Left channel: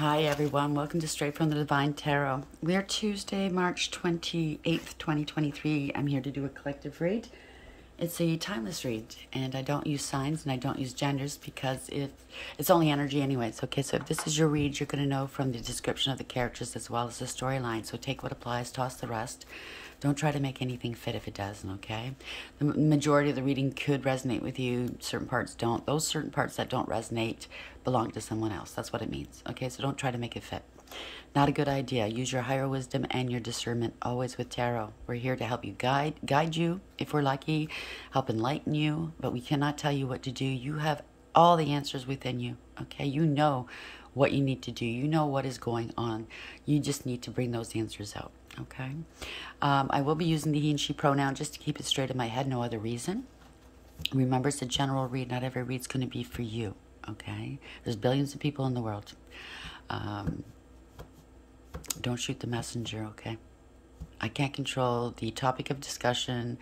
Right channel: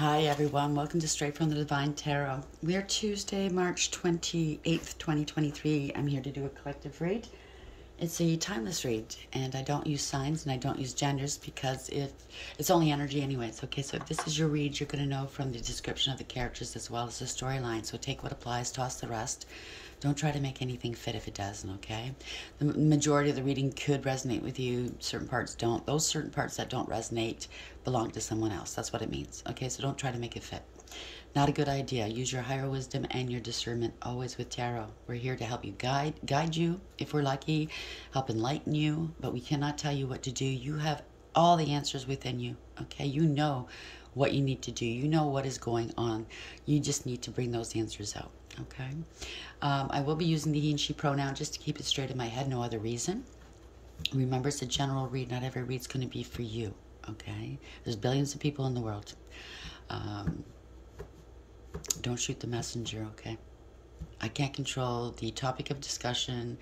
Hi everyone, welcome to Straight from the Divine Tarot. We are Tuesday, March 28th, 2023. I'm here to do a collective read. It's a timeless read, and I don't use signs and I don't use genders because it's only energy anyways. Okay, so if this is your read, you're going to know from the description of the characters as well as the storyline. So take what applies, toss the rest. Don't try to make anything fit if it doesn't, okay? The majority of the reading could resonate with you. Certain parts don't. Those certain parts that don't resonate belong to someone else. That's what it means, okay? So don't try to make it fit. Not a good idea. Use your higher wisdom and your discernment always with tarot. We're here to help you guide you, if we're lucky, help enlighten you, but we cannot tell you what to do. You have all the answers within you, okay? You know what you need to do. You know what is going on. You just need to bring those answers out, okay? I will be using the he and she pronoun just to keep it straight in my head, no other reason. Remember, it's a general read. Not every read's going to be for you, okay? There's billions of people in the world. Don't shoot the messenger, okay? I can't control the topic of discussion.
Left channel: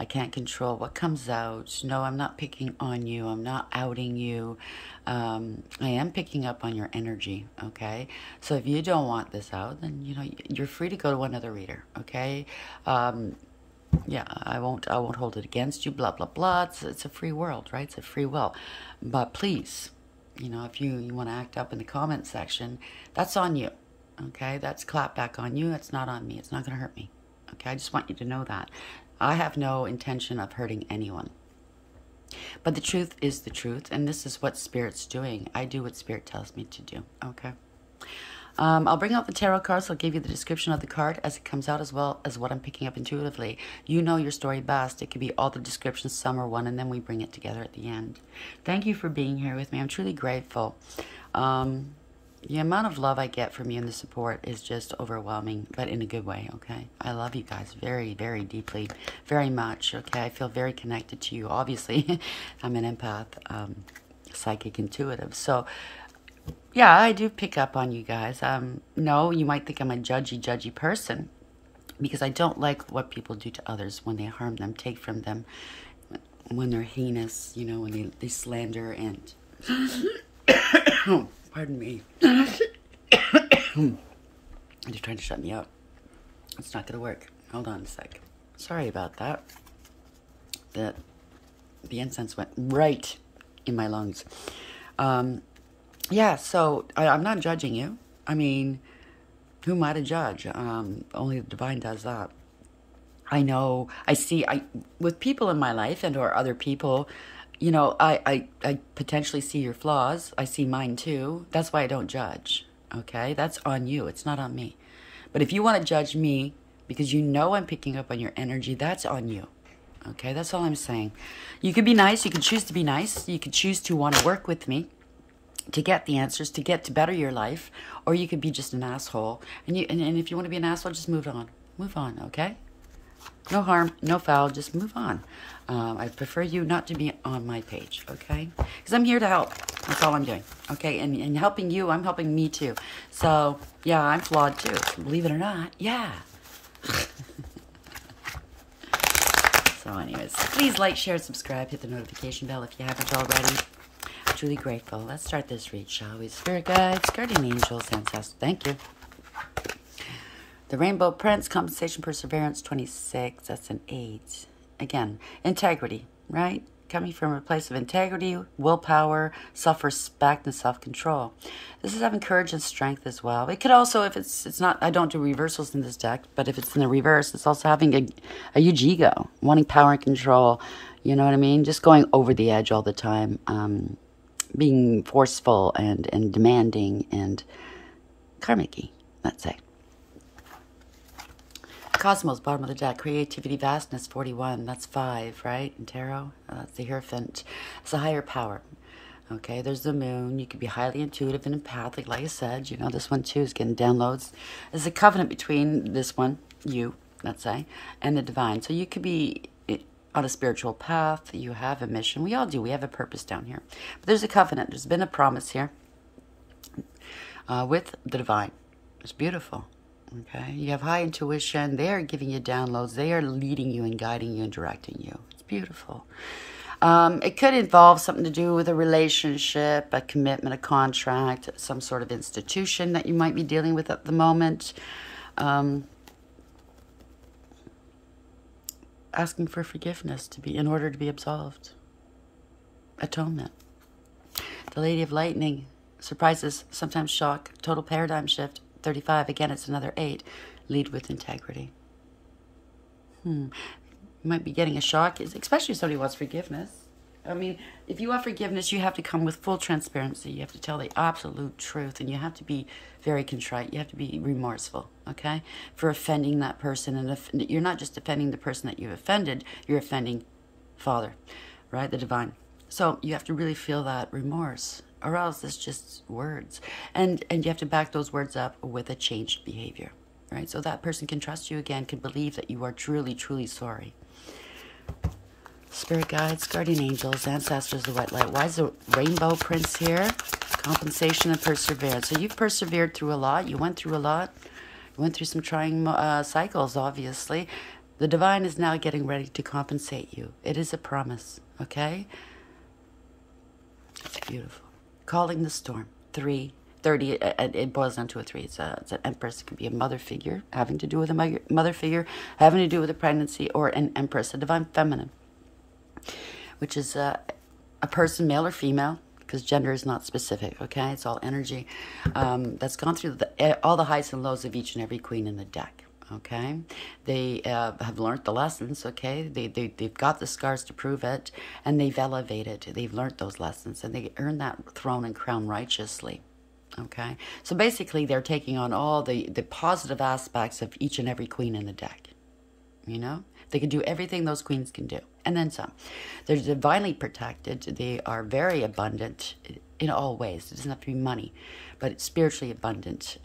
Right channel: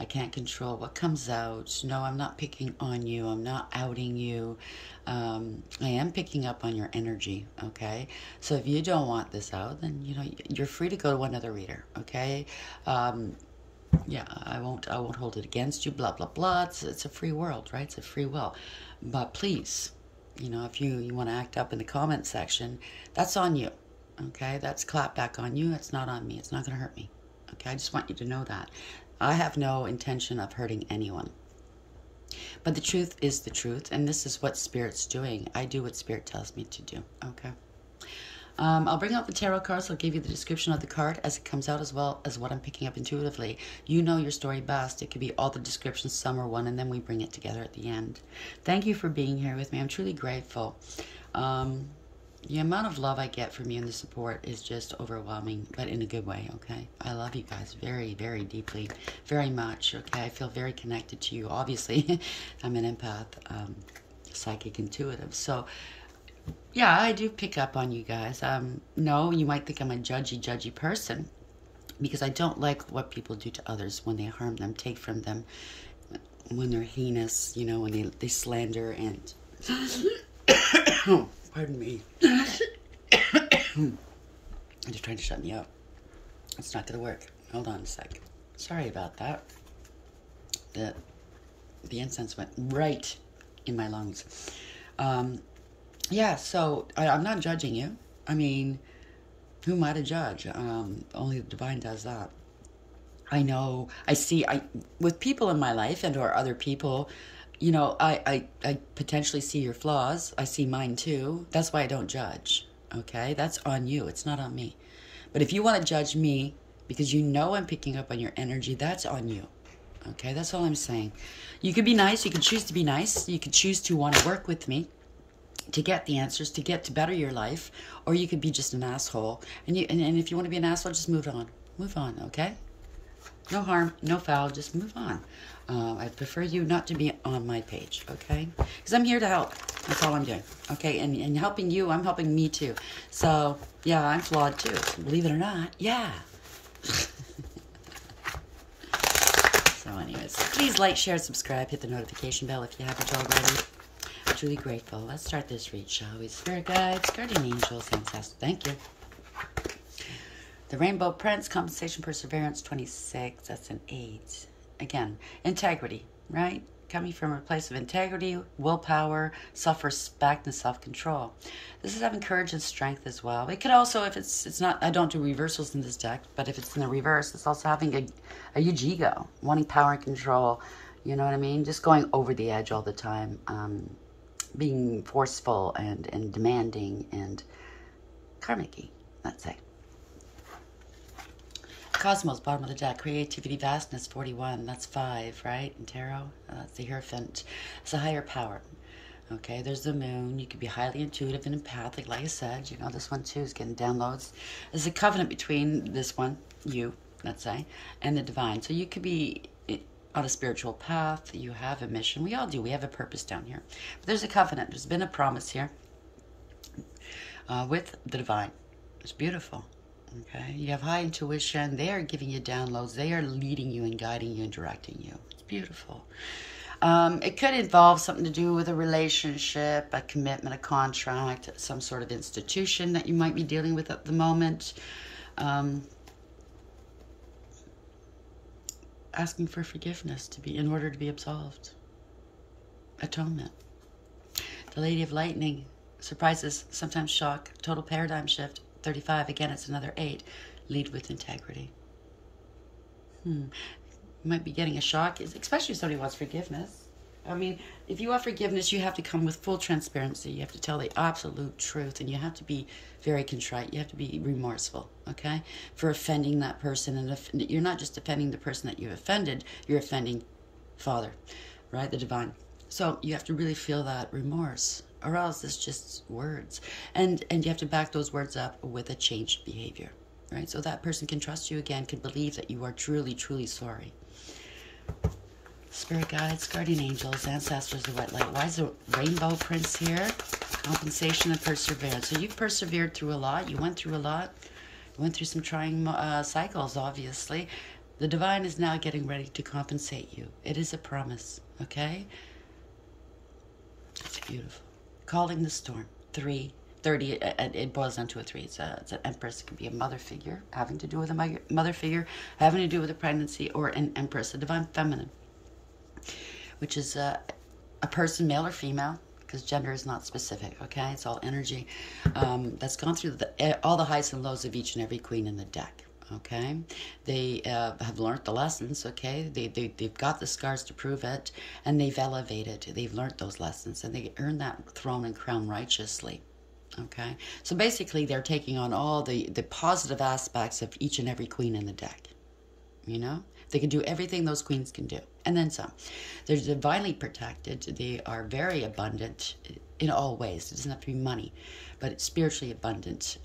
I can't control what comes out. No, I'm not picking on you. I'm not outing you. I am picking up on your energy, okay? So if you don't want this out, then, you know, you're free to go to another reader, okay? Yeah, I won't hold it against you, blah, blah, blah. It's a free world, right? It's a free will. But please, you know, if you want to act up in the comment section, that's on you, okay? That's clap back on you. It's not on me. It's not going to hurt me, okay? I just want you to know that. I have no intention of hurting anyone. But the truth is the truth, and this is what Spirit's doing. I do what Spirit tells me to do, okay? I'll bring out the tarot cards. I'll give you the description of the card as it comes out, as well as what I'm picking up intuitively. You know your story best. It could be all the descriptions, some or one, and then we bring it together at the end. Thank you for being here with me. I'm truly grateful. The amount of love I get from you and the support is just overwhelming, but in a good way, okay? I love you guys very, very deeply, very much, okay? I feel very connected to you. Obviously, I'm an empath, psychic, intuitive. So, yeah, I do pick up on you guys. No, you might think I'm a judgy person because I don't like what people do to others when they harm them, take from them, when they're heinous, you know, when they slander and... Pardon me. I'm just trying to shut me up. It's not going to work. Hold on a sec. Sorry about that. The incense went right in my lungs. Yeah, so I'm not judging you. I mean, who am I to judge? Only the divine does that. I know, with people in my life and or other people, you know, I potentially see your flaws. I see mine too. That's why I don't judge, okay? That's on you. It's not on me. But if you want to judge me because you know I'm picking up on your energy, that's on you, okay? That's all I'm saying. You could be nice. You could choose to be nice. You could choose to want to work with me to get the answers, to better your life, or you could be just an asshole. And if you want to be an asshole, just move on. Move on, okay? No harm, no foul, just move on. I prefer you not to be on my page, okay? Because I'm here to help. That's all I'm doing, okay? And helping you, I'm helping me too. So, yeah, I'm flawed too. Believe it or not, yeah. So anyways, please like, share, subscribe, hit the notification bell if you haven't already. I'm truly grateful. Let's start this read, shall we? Spirit guides, guardian angels, ancestors, thank you. The Rainbow Prince, compensation, perseverance, 26, that's an 8. Again, integrity, right? Coming from a place of integrity, willpower, self-respect, and self-control. This is having courage and strength as well. It could also, if it's not, I don't do reversals in this deck, but if it's in the reverse, it's also having a huge ego, wanting power and control, you know what I mean? Just going over the edge all the time, being forceful and demanding and karmic-y, let's say. Cosmos, bottom of the deck. Creativity, vastness, 41. That's 5, right? In tarot. That's the Hierophant. It's a higher power. Okay, there's the moon. You could be highly intuitive and empathic, like I said. You know, this one, too, is getting downloads. There's a covenant between this one, you, let's say, and the divine. So you could be on a spiritual path. You have a mission. We all do. We have a purpose down here. But there's a covenant. There's been a promise here with the divine. It's beautiful. Okay, you have high intuition. They are giving you downloads. They are leading you and guiding you and directing you. It's beautiful. It could involve something to do with a relationship, a commitment, a contract, some sort of institution that you might be dealing with at the moment. Asking for forgiveness in order to be absolved. Atonement. The Lady of Lightning. Surprises, sometimes shock, total paradigm shift. 35, again, it's another 8. Lead with integrity. You might be getting a shock, especially if somebody wants forgiveness. I mean, if you want forgiveness, you have to come with full transparency. You have to tell the absolute truth, and you have to be very contrite. You have to be remorseful, okay, for offending that person. And you're not just offending the person that you offended, you're offending Father, right, the divine. So you have to really feel that remorse, or else it's just words. And you have to back those words up with a changed behavior, right? So that person can trust you again, can believe that you are truly, truly sorry. Spirit guides, guardian angels, ancestors, the white light. Why is the rainbow prince here? Compensation and perseverance. So you've persevered through a lot. You went through a lot. You went through some trying cycles, obviously. The divine is now getting ready to compensate you. It is a promise, okay? It's beautiful. Calling the storm. 3. 30, it boils down to a 3. It's an empress. It could be a mother figure, having to do with a mother figure, having to do with a pregnancy, or an empress, a divine feminine, which is a person, male or female, because gender is not specific, okay? It's all energy. That's gone through all the highs and lows of each and every queen in the deck, okay? They have learned the lessons, okay? They've got the scars to prove it, and they've elevated. They've learned those lessons, and they earned that throne and crown righteously, okay? So basically, they're taking on all the positive aspects of each and every queen in the deck, you know? They can do everything those queens can do, and then some. They're divinely protected. They are very abundant in all ways. It doesn't have to be money, but it's spiritually abundant.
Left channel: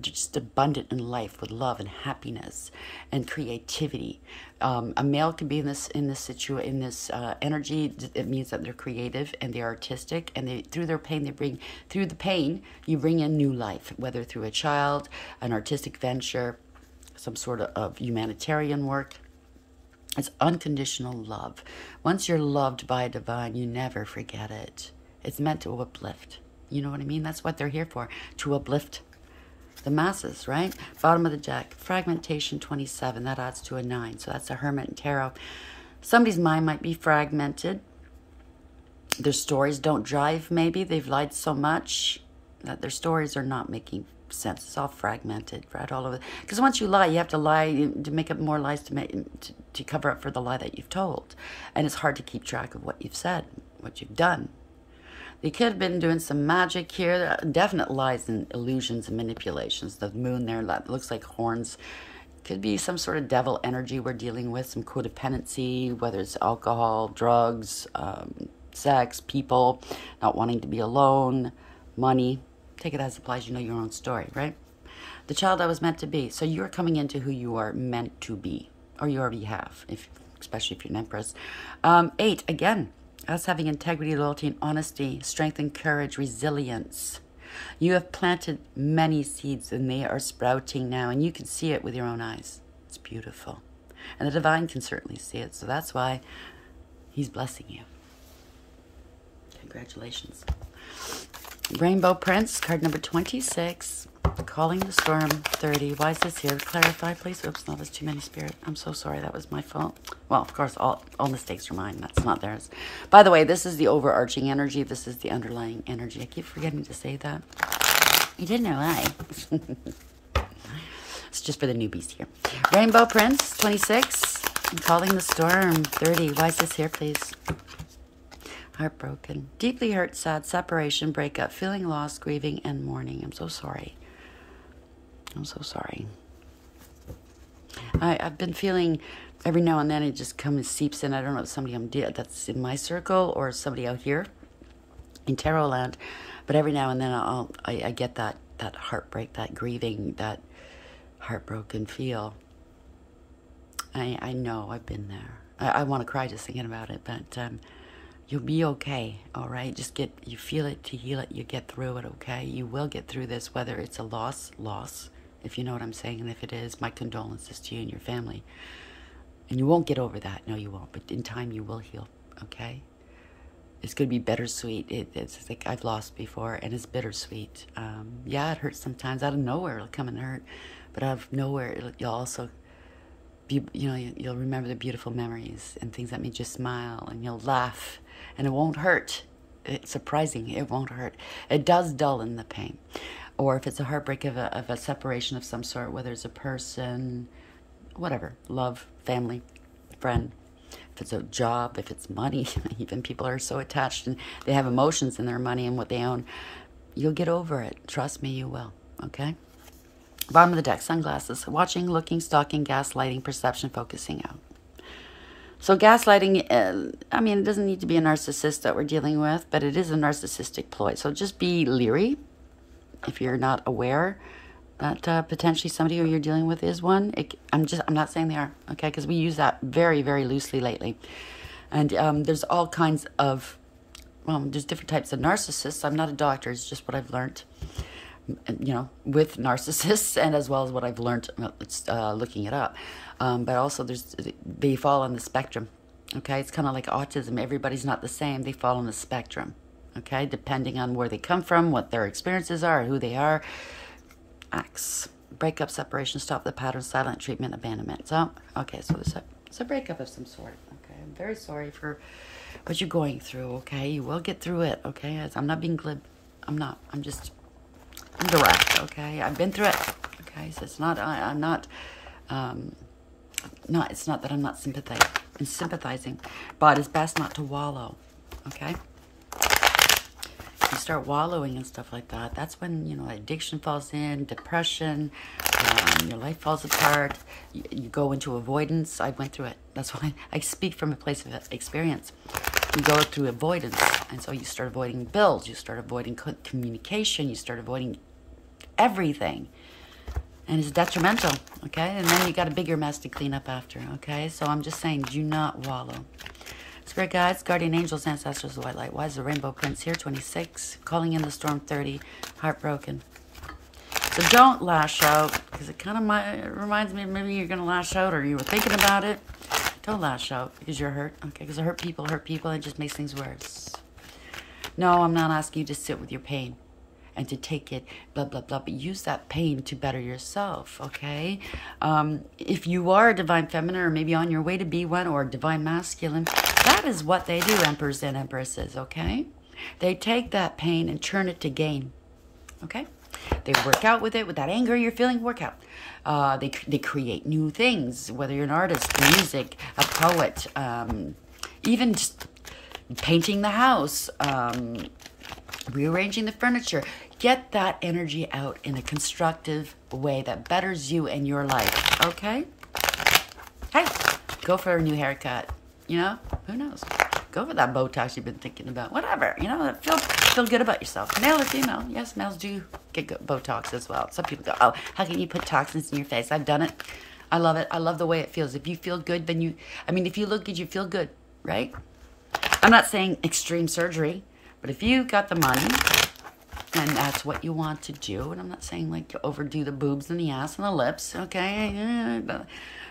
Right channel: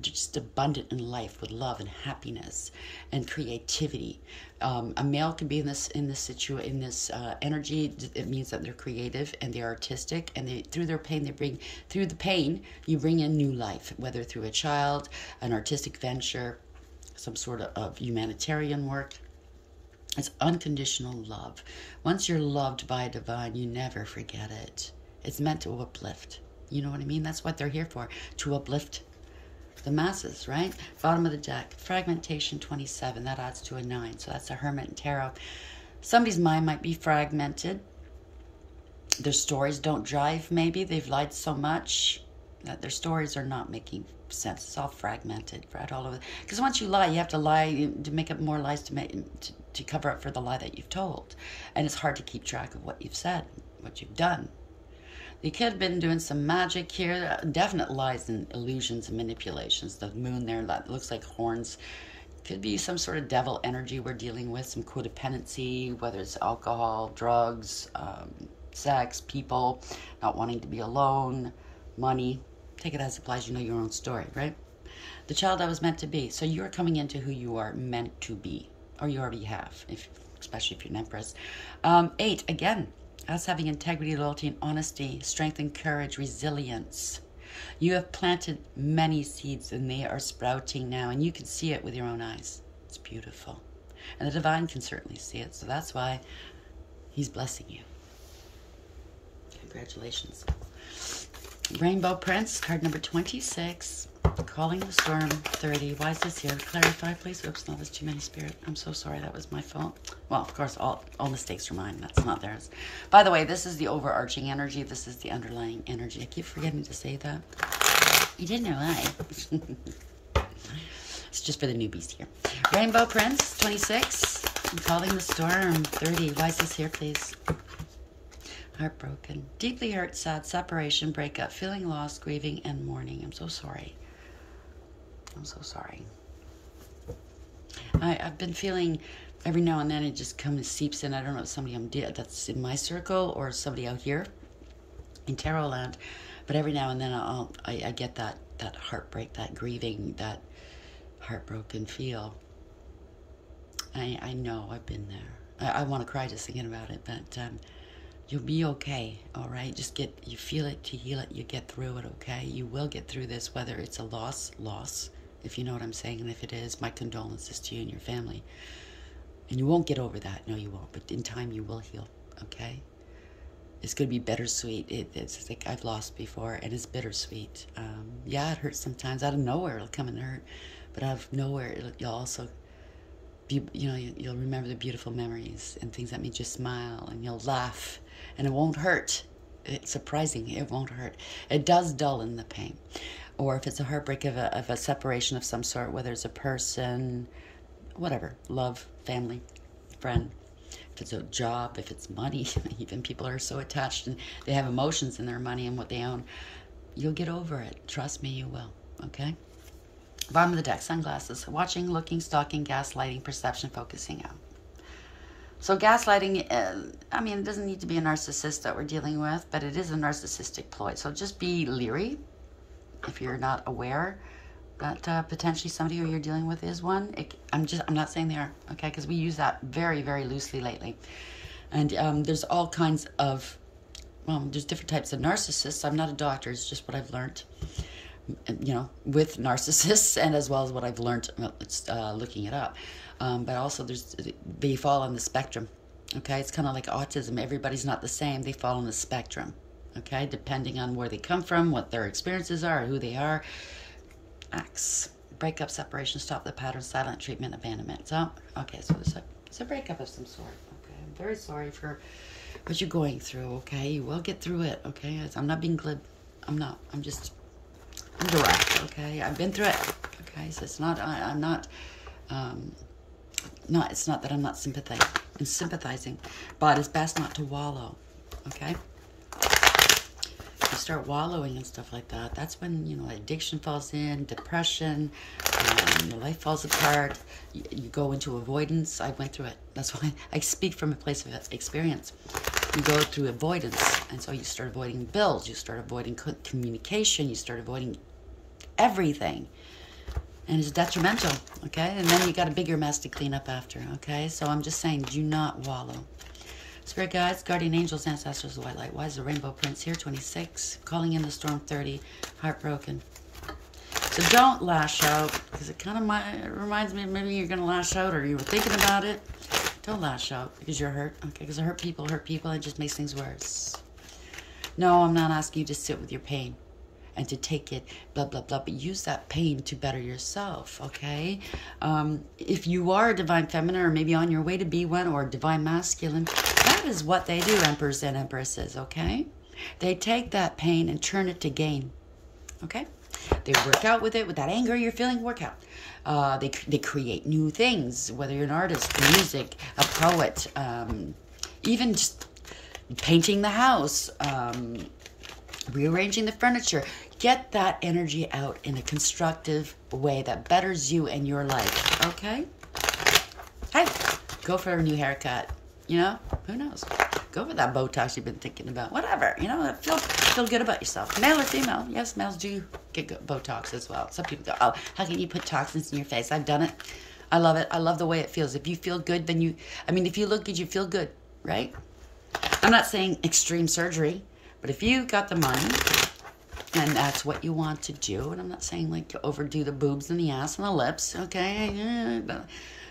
Just abundant in life with love and happiness and creativity. A male can be in this energy. It means that they're creative and they're artistic, and through their pain you bring in new life, whether through a child, an artistic venture, some sort of humanitarian work. It's unconditional love. Once you're loved by a divine, you never forget it. It's meant to uplift. You know what I mean? That's what they're here for, to uplift the masses, right? Bottom of the deck, fragmentation 27. That adds to a 9. So that's a Hermit and Tarot. Somebody's mind might be fragmented. Their stories don't jive, maybe. They've lied so much that their stories are not making sense. It's all fragmented, right, all over. Because once you lie, you have to lie to make up more lies to cover up for the lie that you've told. And it's hard to keep track of what you've said, what you've done. They could have been doing some magic here. Definite lies and illusions and manipulations. The moon there looks like horns. Could be some sort of devil energy we're dealing with, some codependency, whether it's alcohol, drugs, sex, people, not wanting to be alone, money. Take it as it applies. You know your own story, right? The child I was meant to be. So you're coming into who you are meant to be, or you already have, especially if you're an empress. 8, again, us having integrity, loyalty, and honesty, strength and courage, resilience. You have planted many seeds, and they are sprouting now, and you can see it with your own eyes. It's beautiful. And the divine can certainly see it, so that's why he's blessing you. Congratulations. Rainbow Prince, card number 26. Calling the Storm, 30. Why is this here? Clarify, please. Oops, no, there's too many, Spirit. I'm so sorry. That was my fault. Well, of course, all mistakes are mine. That's not theirs. By the way, this is the overarching energy. This is the underlying energy. I keep forgetting to say that. You didn't know why. It's just for the newbies here. Rainbow Prince, 26. Calling the Storm, 30. Why is this here, please? Heartbroken. Deeply hurt, sad, separation, breakup, feeling lost, grieving, and mourning. I'm so sorry. I'm so sorry. I've been feeling every now and then it just comes and seeps in. I don't know if somebody that's in my circle or somebody out here in Tarot land, but every now and then I get that heartbreak, that grieving, that heartbroken feel. I know I've been there. I want to cry just thinking about it, but you'll be okay, all right? You feel it to heal it, you get through it, okay? You will get through this, whether it's a loss, if you know what I'm saying, and if it is, my condolences to you and your family. And you won't get over that, no you won't, but in time you will heal, okay? It's going to be bittersweet. It's like I've lost before, and it's bittersweet. Yeah, it hurts sometimes. Out of nowhere, it'll come and hurt. But out of nowhere, you'll also be, you'll remember the beautiful memories and things that made you smile, and you'll laugh, and it won't hurt. It's surprising. It won't hurt. It does dull in the pain. Or if it's a heartbreak of a separation of some sort, whether it's a person, whatever, love, family, friend, if it's a job, if it's money, even people are so attached and they have emotions in their money and what they own, you'll get over it. Trust me, you will, okay? Bottom of the deck, sunglasses, watching, looking, stalking, gaslighting, perception, focusing out. So gaslighting, I mean, it doesn't need to be a narcissist that we're dealing with, but it is a narcissistic ploy. So just be leery if you're not aware that potentially somebody who you're dealing with is one. I'm not saying they are, okay? Because we use that very, very loosely lately. And there's all kinds of, there's different types of narcissists. I'm not a doctor. It's just what I've learned, with narcissists, and as well as what I've learned looking it up. But also they fall on the spectrum, okay? It's kind of like autism. Everybody's not the same. They fall on the spectrum, okay? Depending on where they come from, what their experiences are, who they are. Acts, breakup, separation, stop the pattern, silent treatment, abandonment. So, okay, so it's a breakup of some sort. Okay, I'm very sorry for what you're going through. Okay, you will get through it. Okay, I'm not being glib. I'm direct. Okay, I've been through it. Okay, so it's not. It's not that I'm not sympathizing. I'm sympathizing, but it's best not to wallow. Okay. You start wallowing and stuff like that, that's when, addiction falls in, depression, your life falls apart, you go into avoidance. I went through it. That's why I speak from a place of experience. You go through avoidance, and so you start avoiding bills, you start avoiding communication, you start avoiding everything. And it's detrimental, okay? And then you got a bigger mess to clean up after, okay? So I'm just saying, do not wallow. Spirit guides, guardian angels, ancestors, white light. Why is the rainbow prince here? 26. Calling in the storm, 30. Heartbroken. So don't lash out, because it kind of reminds me of maybe you're going to lash out, or you were thinking about it. Don't lash out because you're hurt, okay? Because hurt people, and it just makes things worse. No, I'm not asking you to sit with your pain and to take it, blah, blah, blah, but use that pain to better yourself, okay? If you are a divine feminine, or maybe on your way to be one, or divine masculine, that is what they do, emperors and empresses, okay? They take that pain and turn it to gain, okay? They work out with it, with that anger you're feeling, work out. They create new things, whether you're an artist, music, a poet, even just painting the house, rearranging the furniture. Get that energy out in a constructive way that betters you and your life, okay? Hey, go for a new haircut, Who knows? Go for that Botox you've been thinking about. Whatever, feel good about yourself. Male or female. Yes, males do get Botox as well. Some people go, oh, how can you put toxins in your face? I've done it. I love it. I love the way it feels. If you feel good, then if you look good, you feel good, right? I'm not saying extreme surgery, but if you got the money and that's what you want to do, and I'm not saying like to overdo the boobs and the ass and the lips, okay?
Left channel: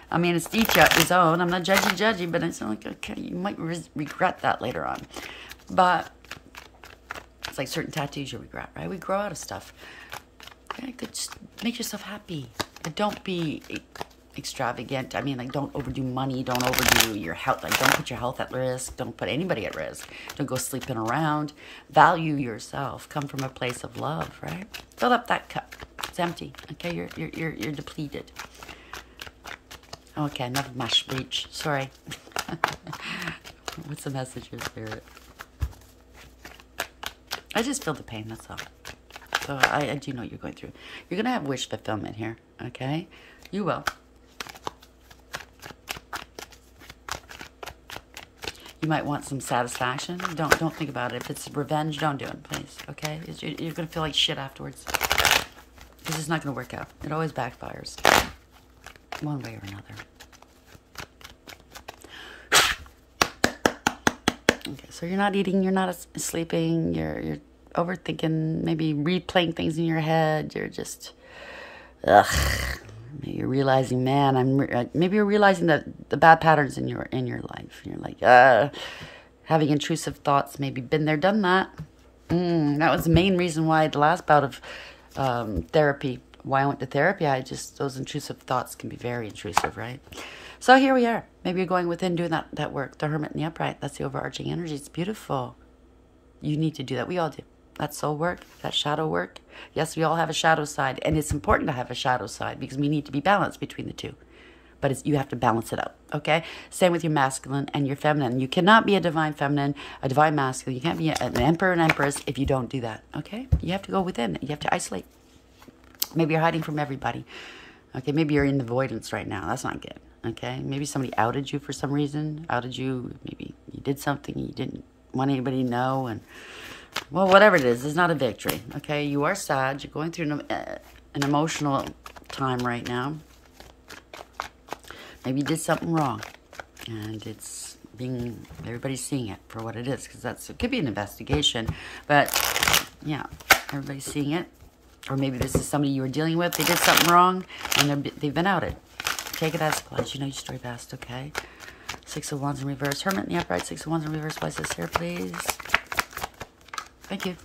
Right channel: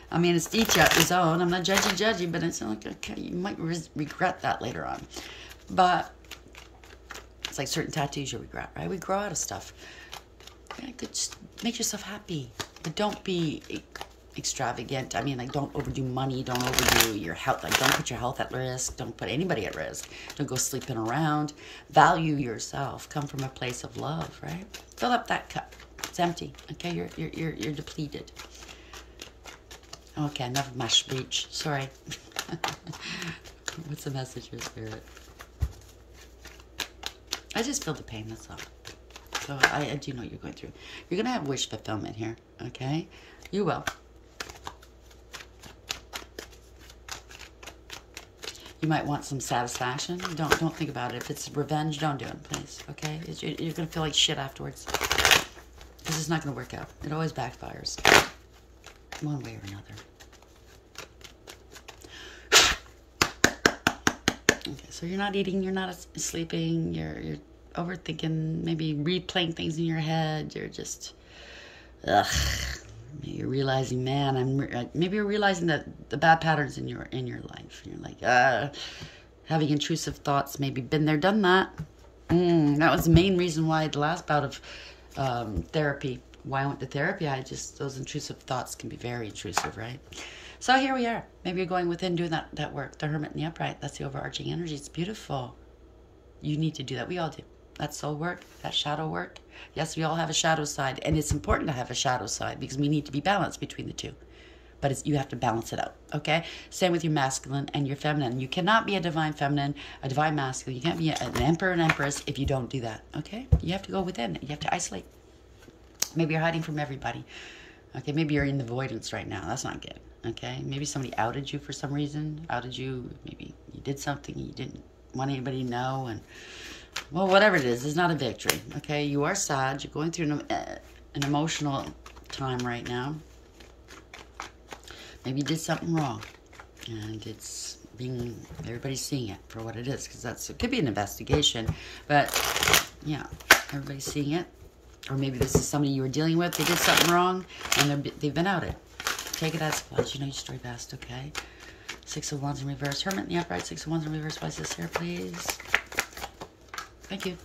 I mean, it's each his own. I'm not judgy, but it's like, okay, you might regret that later on. But it's like certain tattoos you regret, right? We grow out of stuff. Okay, just make yourself happy, but don't be extravagant. I mean, like, don't overdo money. Don't overdo your health. Like, don't put your health at risk. Don't put anybody at risk. Don't go sleeping around. Value yourself. Come from a place of love, right? Fill up that cup. It's empty. Okay, you're depleted. Okay, enough of my speech. Sorry. What's the message of spirit? I just feel the pain, that's all. So I do know what you're going through. You're going to have wish fulfillment here, okay? You will. You might want some satisfaction. Don't think about it. If it's revenge, don't do it, please, okay? You're going to feel like shit afterwards. Because it's not going to work out. It always backfires. One way or another. Okay, so you're not eating, you're not sleeping, you're overthinking, maybe replaying things in your head. You're just, maybe you're realizing, man, maybe you're realizing that the bad patterns in your life. And you're like, Having intrusive thoughts, maybe been there, done that. That was the main reason why the last bout of therapy, why I went to therapy, those intrusive thoughts can be very intrusive, right? So here we are. Maybe you're going within doing that work. The Hermit and the Upright, that's the overarching energy. It's beautiful. You need to do that. We all do. That soul work, that shadow work. Yes, we all have a shadow side. And it's important to have a shadow side because we need to be balanced between the two. But you have to balance it out, okay? Same with your masculine and your feminine. You cannot be a divine feminine, a divine masculine. You can't be an emperor and empress if you don't do that, okay? You have to go within. You have to isolate. Maybe you're hiding from everybody. Okay, maybe you're in avoidance right now. That's not good, okay? Maybe somebody outed you for some reason. Outed you. Maybe you did something you didn't want anybody to know. And, well, whatever it is, it's not a victory, okay? You are sad. You're going through an emotional time right now. Maybe you did something wrong, and everybody's seeing it for what it is, because it could be an investigation, but yeah, everybody's seeing it. Or maybe this is somebody you were dealing with, they did something wrong, and they've been outed. Take it as applies. You know your story best, okay? 6 of Wands in reverse. Hermit in the Upright, 6 of Wands in reverse. Why is this here, please? Thank you.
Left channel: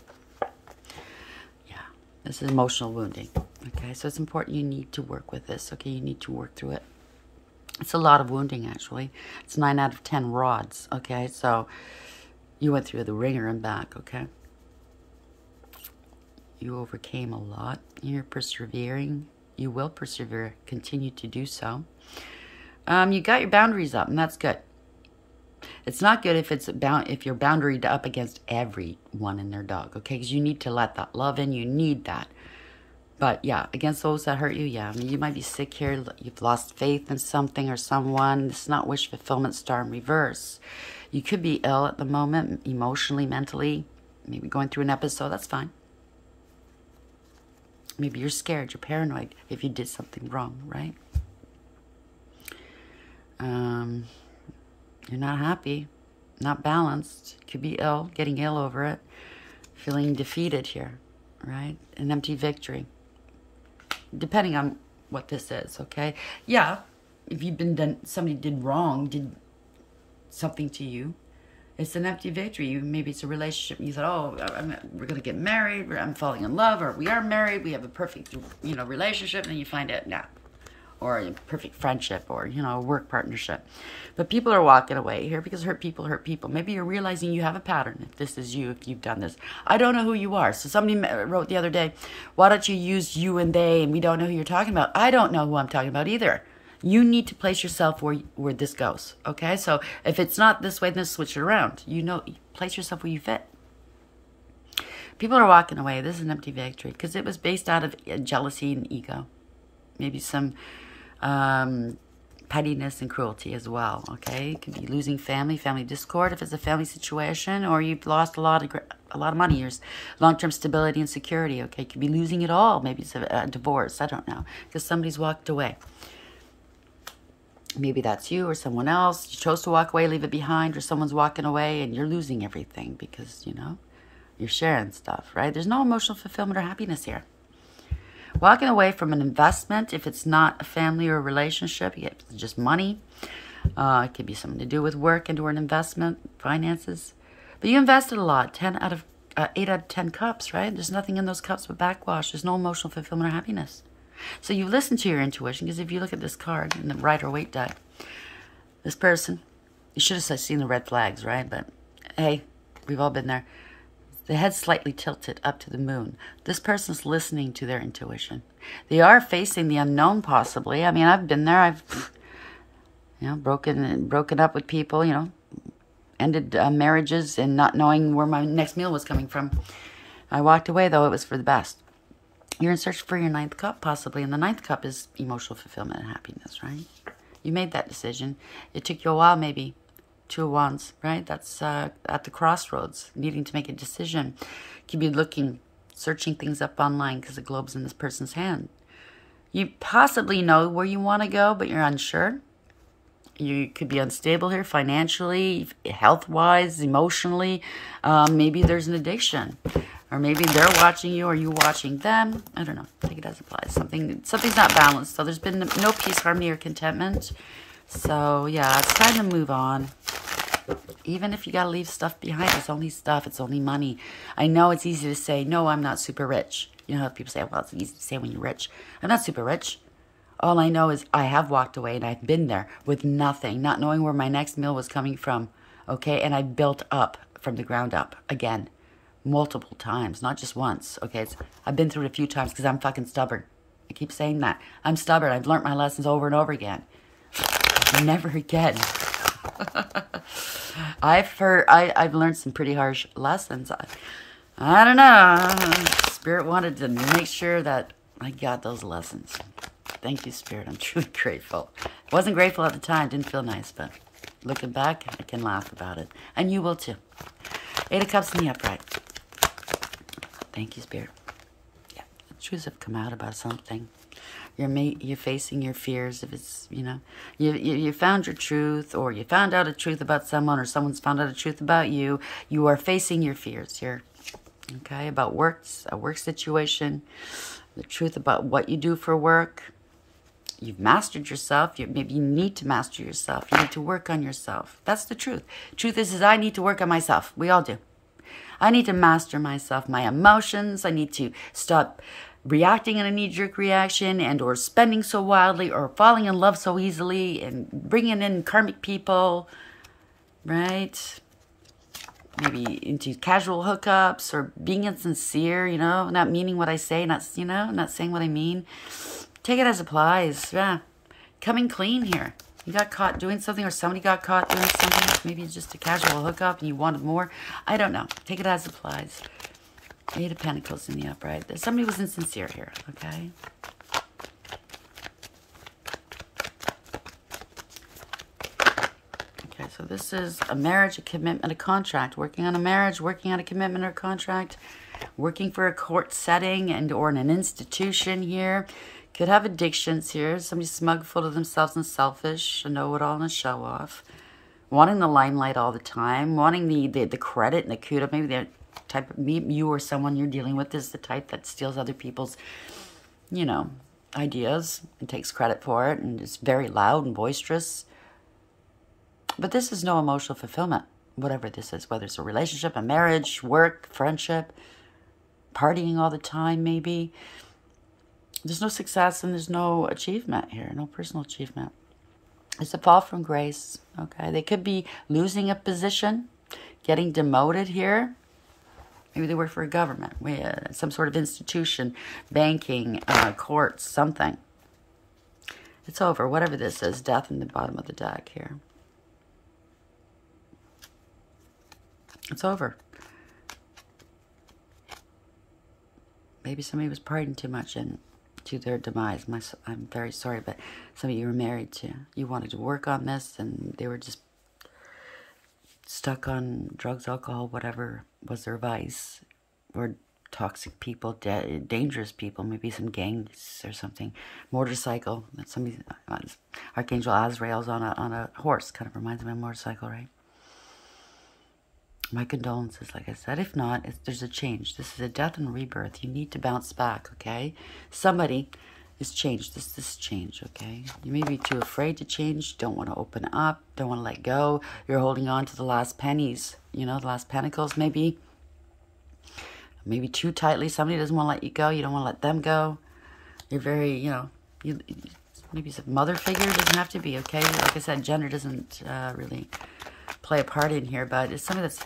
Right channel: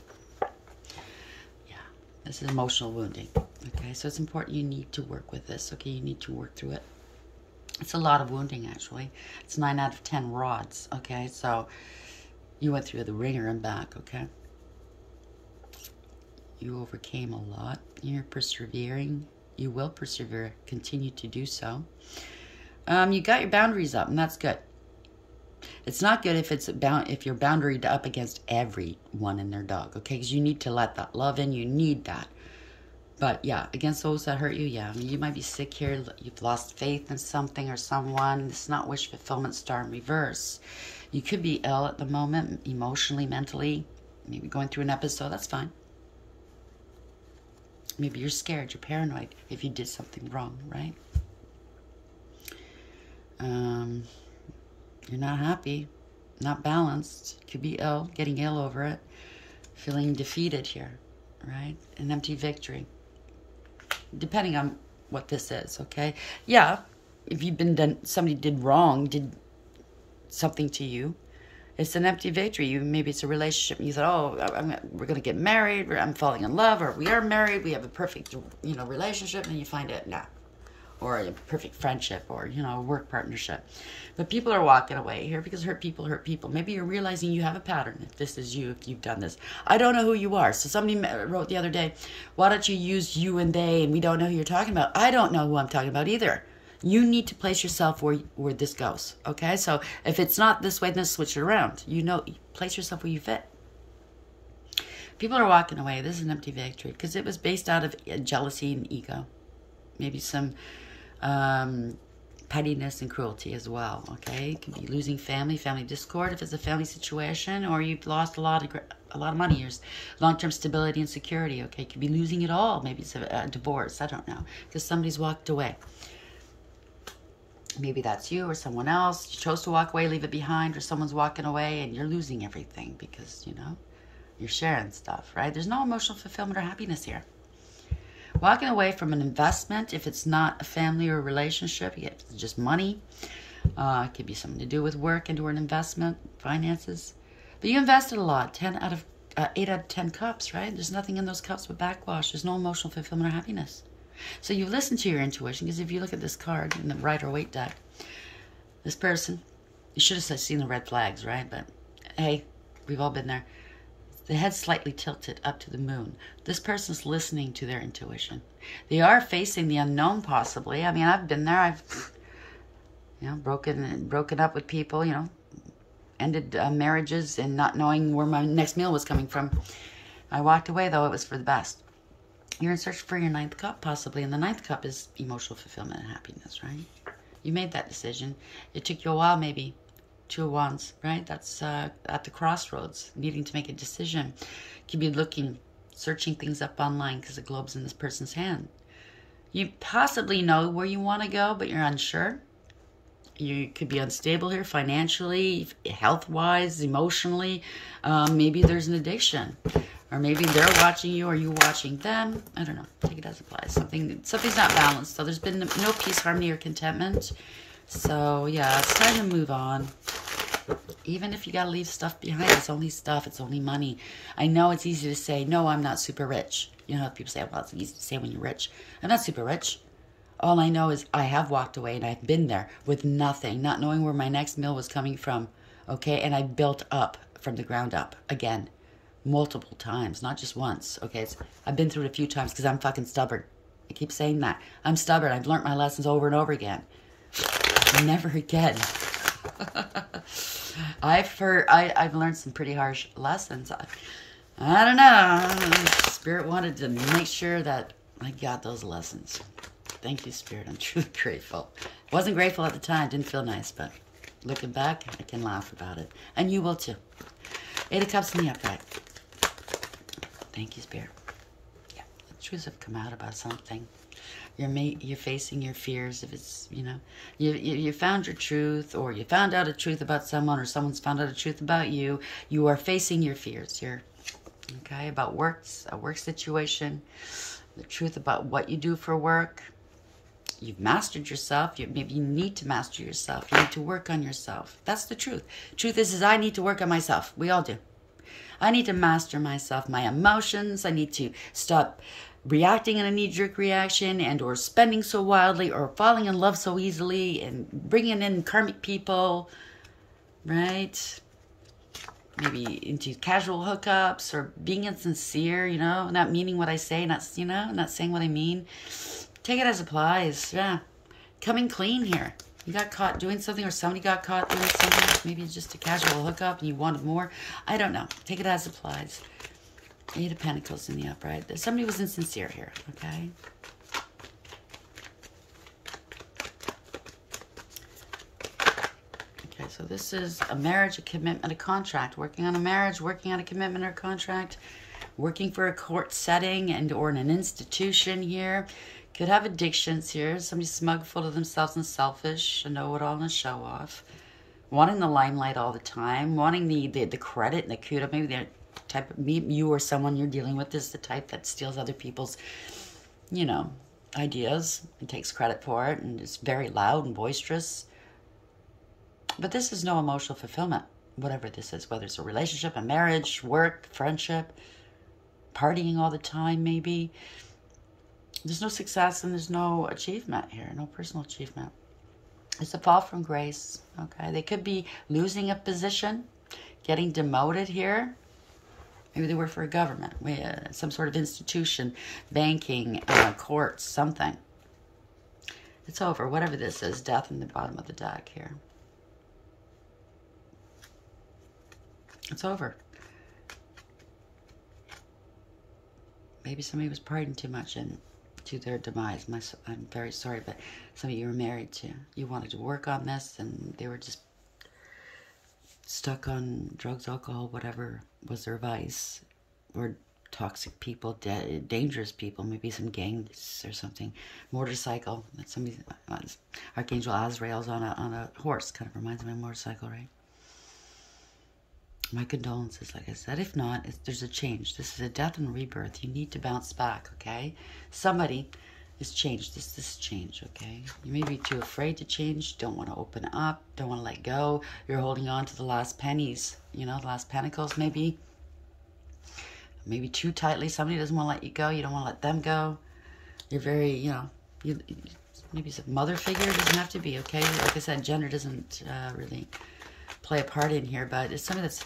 Yeah, this is emotional wounding, okay? So it's important you need to work with this, okay? You need to work through it. It's a lot of wounding, actually. It's 9 out of 10 rods, okay? So you went through the ringer and back, okay? You overcame a lot. You're persevering. You will persevere. Continue to do so. You got your boundaries up, and that's good. It's not good if you're boundaried up against everyone and their dog, okay? Because you need to let that love in. You need that. But, yeah, against those that hurt you, yeah. I mean, you might be sick here. You've lost faith in something or someone. It's not wish fulfillment, star in reverse. You could be ill at the moment, emotionally, mentally. Maybe going through an episode. That's fine. Maybe you're scared. You're paranoid if you did something wrong, right? You're not happy. Not balanced. You could be ill. Getting ill over it. Feeling defeated here, right? An empty victory. Depending on what this is, okay? Yeah, if you've been somebody did wrong, did something to you, it's an empty victory. Maybe it's a relationship, and you thought, oh, we're going to get married, I'm falling in love, or we are married, we have a perfect, relationship, and then you find it, nah. Or a perfect friendship, or, a work partnership. But people are walking away here because hurt people hurt people. Maybe you're realizing you have a pattern. If this is you, if you've done this. I don't know who you are. So somebody wrote the other day, why don't you use you and they, and we don't know who you're talking about. I don't know who I'm talking about either. You need to place yourself where this goes, okay? So if it's not this way, then switch it around. Place yourself where you fit. People are walking away. This is an empty victory because it was based out of jealousy and ego. Maybe some pettiness and cruelty as well, okay? You could be losing family discord if it's a family situation, or you've lost a lot of money, your long-term stability and security, okay? You could be losing it all. Maybe it's a divorce, I don't know, because somebody's walked away. Maybe that's you or someone else. You chose to walk away, leave it behind, or someone's walking away and you're losing everything because, you're sharing stuff, right? There's no emotional fulfillment or happiness here. Walking away from an investment, if it's not a family or a relationship, you get just money. It could be something to do with work into an investment, finances. But you invested a lot, 8 out of 10 cups, right? There's nothing in those cups but backwash. There's no emotional fulfillment or happiness. So you listen to your intuition, because if you look at this card in the Rider Waite deck, this person, you should have seen the red flags, right? But hey, we've all been there. The head slightly tilted up to the moon. This person's listening to their intuition. They are facing the unknown, possibly. I mean, I've been there. I've, broken up with people, ended marriages and not knowing where my next meal was coming from. I walked away, though. It was for the best. You're in search for your 9th cup, possibly. And the 9th cup is emotional fulfillment and happiness, right? You made that decision. It took you a while, maybe. 2 of Wands, right? That's at the crossroads, needing to make a decision. You could be searching things up online because the globe's in this person's hand. You possibly know where you want to go, but you're unsure. You could be unstable here financially, health-wise, emotionally. Maybe there's an addiction. Or maybe they're watching you or you watching them. I don't know. Take it as it applies. Something's not balanced. So there's been no peace, harmony, or contentment. So, yeah, it's time to move on. Even if you got to leave stuff behind, it's only stuff. It's only money. I know it's easy to say, no, I'm not super rich. You know how people say, well, it's easy to say when you're rich. I'm not super rich. All I know is I have walked away and I've been there with nothing, not knowing where my next meal was coming from. Okay, and I built up from the ground up again, multiple times, not just once. Okay, I've been through it a few times because I'm fucking stubborn. I keep saying that. I'm stubborn. I've learned my lessons over and over again. Never again. I've learned some pretty harsh lessons. I don't know. Spirit wanted to make sure that I got those lessons. Thank you, Spirit. I'm truly grateful. Wasn't grateful at the time. Didn't feel nice, but looking back, I can laugh about it. And you will too. 8 of Cups in the upright. Thank you, Spirit. Yeah, the truths have come out about something. You're facing your fears. If it's, you know, you found your truth, or you found out a truth about someone, or someone's found out a truth about you. You are facing your fears here. Okay, about a work situation, the truth about what you do for work. You've mastered yourself. Maybe you need to master yourself. You need to work on yourself. That's the truth. Truth is I need to work on myself. We all do. I need to master myself, my emotions. I need to stop reacting in a knee-jerk reaction, and or spending so wildly, or falling in love so easily, and bringing in karmic people, right? Maybe into casual hookups, or being insincere, you know, not meaning what I say, not, you know, not saying what I mean. Take it as applies. Yeah. Coming clean here. You got caught doing something, or somebody got caught doing something. Maybe it's just a casual hookup and you wanted more. I don't know. Take it as applies. 8 of Pentacles in the upright. Somebody was insincere here, okay? Okay, so this is a marriage, a commitment, a contract. Working on a marriage, working on a commitment or contract. Working for a court setting and or in an institution here. Could have addictions here. Somebody smug, full of themselves and selfish. A know-it-all and a show-off. Wanting the limelight all the time. Wanting the credit and the kudos. Maybe they're type of, you or someone you're dealing with is the type that steals other people's, you know, ideas and takes credit for it, and is very loud and boisterous. But this is no emotional fulfillment, whatever this is, whether it's a relationship, a marriage, work, friendship, partying all the time, maybe. There's no success and there's no achievement here, no personal achievement. It's a fall from grace, okay? They could be losing a position, getting demoted here. Maybe they work for a government, some sort of institution, banking, courts, something. It's over, whatever this is. Death in the bottom of the deck here. It's over. Maybe somebody was partying too much and to their demise. I'm very sorry, but somebody you were married to, you wanted to work on this, and they were just stuck on drugs, alcohol, whatever was their vice, or toxic people, dangerous people, maybe some gangs or something. Motorcycle, somebody, Archangel Azrael's on a horse, kind of reminds me of a motorcycle, right? My condolences, like I said. If not, there's a change. This is a death and rebirth. You need to bounce back, okay? Somebody is changed. This is change, okay? You may be too afraid to change, don't want to open up, don't want to let go. You're holding on to the last pennies, you know, the last pentacles, maybe. Maybe too tightly. Somebody doesn't want to let you go. You don't want to let them go. You're very, you know, maybe it's a mother figure. It doesn't have to be, okay? Like I said, gender doesn't really play a part in here, but it's somebody that's,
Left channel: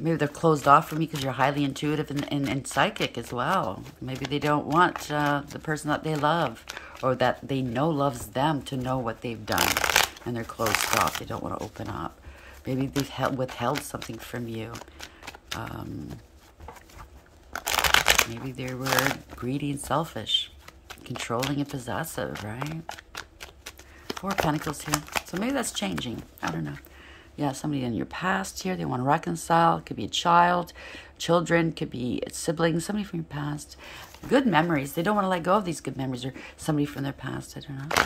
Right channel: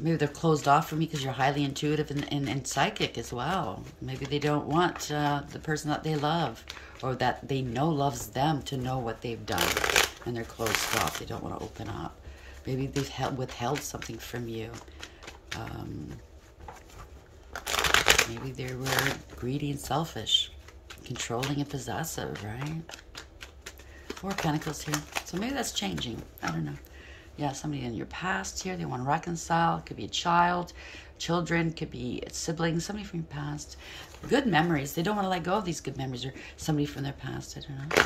maybe they're closed off from you because you're highly intuitive and psychic as well. Maybe they don't want the person that they love, or that they know loves them, to know what they've done, and they're closed off. They don't want to open up. Maybe they've withheld something from you. Maybe they were greedy and selfish, controlling and possessive, right? 4 Pentacles here. So maybe that's changing. I don't know. Yeah, somebody in your past here, they want to reconcile. It could be a child, children, could be siblings, somebody from your past. Good memories. They don't want to let go of these good memories, or somebody from their past, I don't know.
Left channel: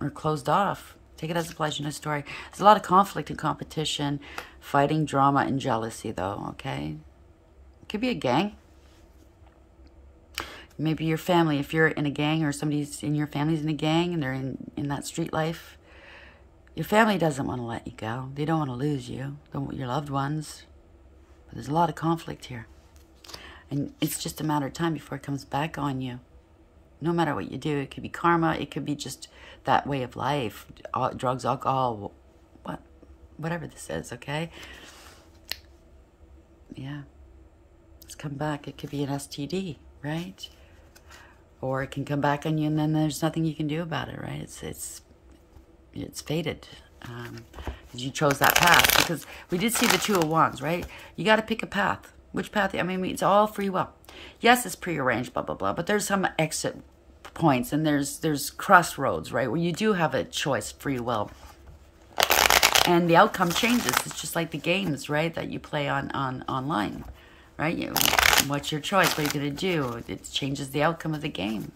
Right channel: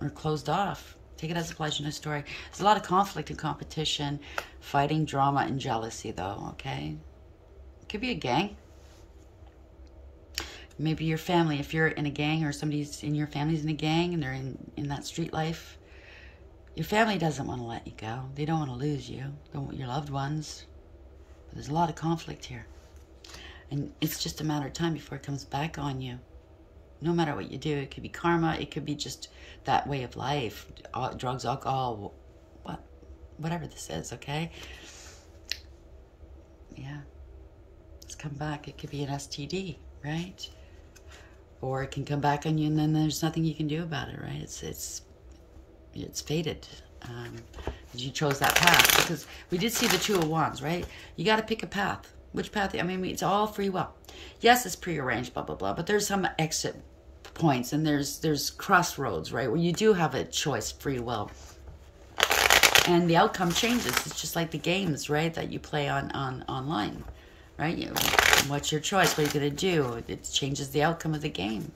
Or closed off. Take it as applies to no story. There's a lot of conflict and competition, fighting, drama, and jealousy, though, okay? It could be a gang. Maybe your family, if you're in a gang, or somebody's in your family's in a gang and they're in that street life, Your family doesn't want to let you go. They don't want to lose you. They want your loved ones. But there's a lot of conflict here. And it's just a matter of time before it comes back on you. No matter what you do. It could be karma. It could be just that way of life. Drugs, alcohol, whatever this is, okay? Yeah. It's come back. It could be an STD, right? Or it can come back on you and then there's nothing you can do about it, right? It's fated. You chose that path. Because we did see the Two of Wands, right? You got to pick a path. Which path? I mean, it's all free will. Yes, it's prearranged, blah, blah, blah. But there's some exit points and there's crossroads, right? Where you do have a choice, free will. And the outcome changes. It's just like the games, right? That you play online, right? What's your choice? What are you going to do? It changes the outcome of the game.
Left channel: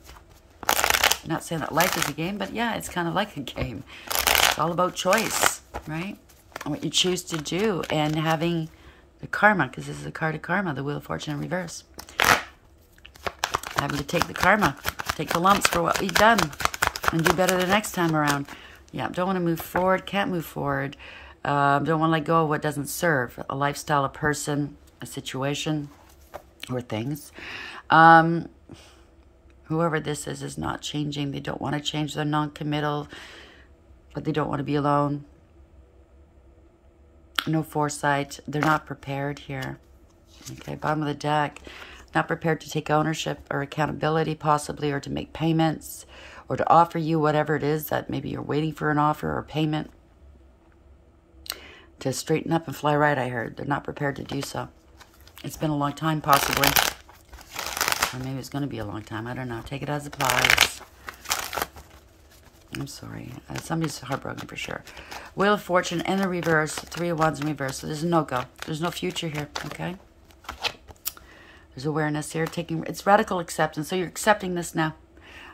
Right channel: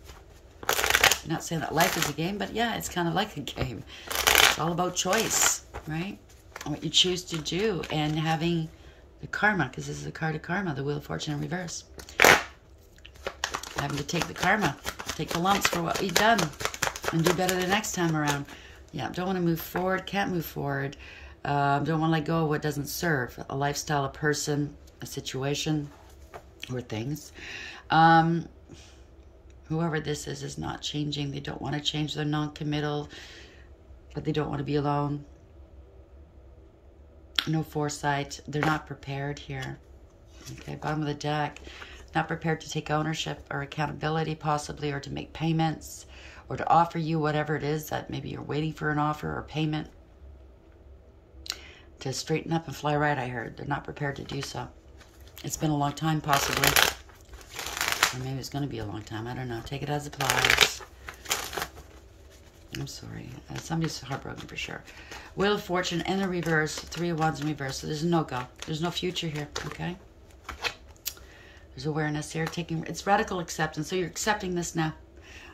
I'm not saying that life is a game, but yeah, it's kind of like a game. It's all about choice, right? And what you choose to do and having the karma, because this is a card of karma, the Wheel of Fortune in reverse. Having to take the karma, take the lumps for what you've done and do better the next time around. Yeah, don't want to move forward, can't move forward. Don't want to let go of what doesn't serve. A lifestyle, a person, a situation, or things. Whoever this is not changing. They don't want to change. They're non-committal, but they don't want to be alone. No foresight. They're not prepared here. Okay, bottom of the deck. Not prepared to take ownership or accountability, possibly, or to make payments, or to offer you whatever it is that maybe you're waiting for an offer or payment. To straighten up and fly right, I heard. They're not prepared to do so. It's been a long time, possibly. Or maybe it's going to be a long time. I don't know. Take it as applies. I'm sorry. Somebody's heartbroken for sure. Wheel of Fortune in the reverse. Three of Wands in reverse. So there's a no-go. There's no future here, okay? There's awareness here. It's radical acceptance. So you're accepting this now.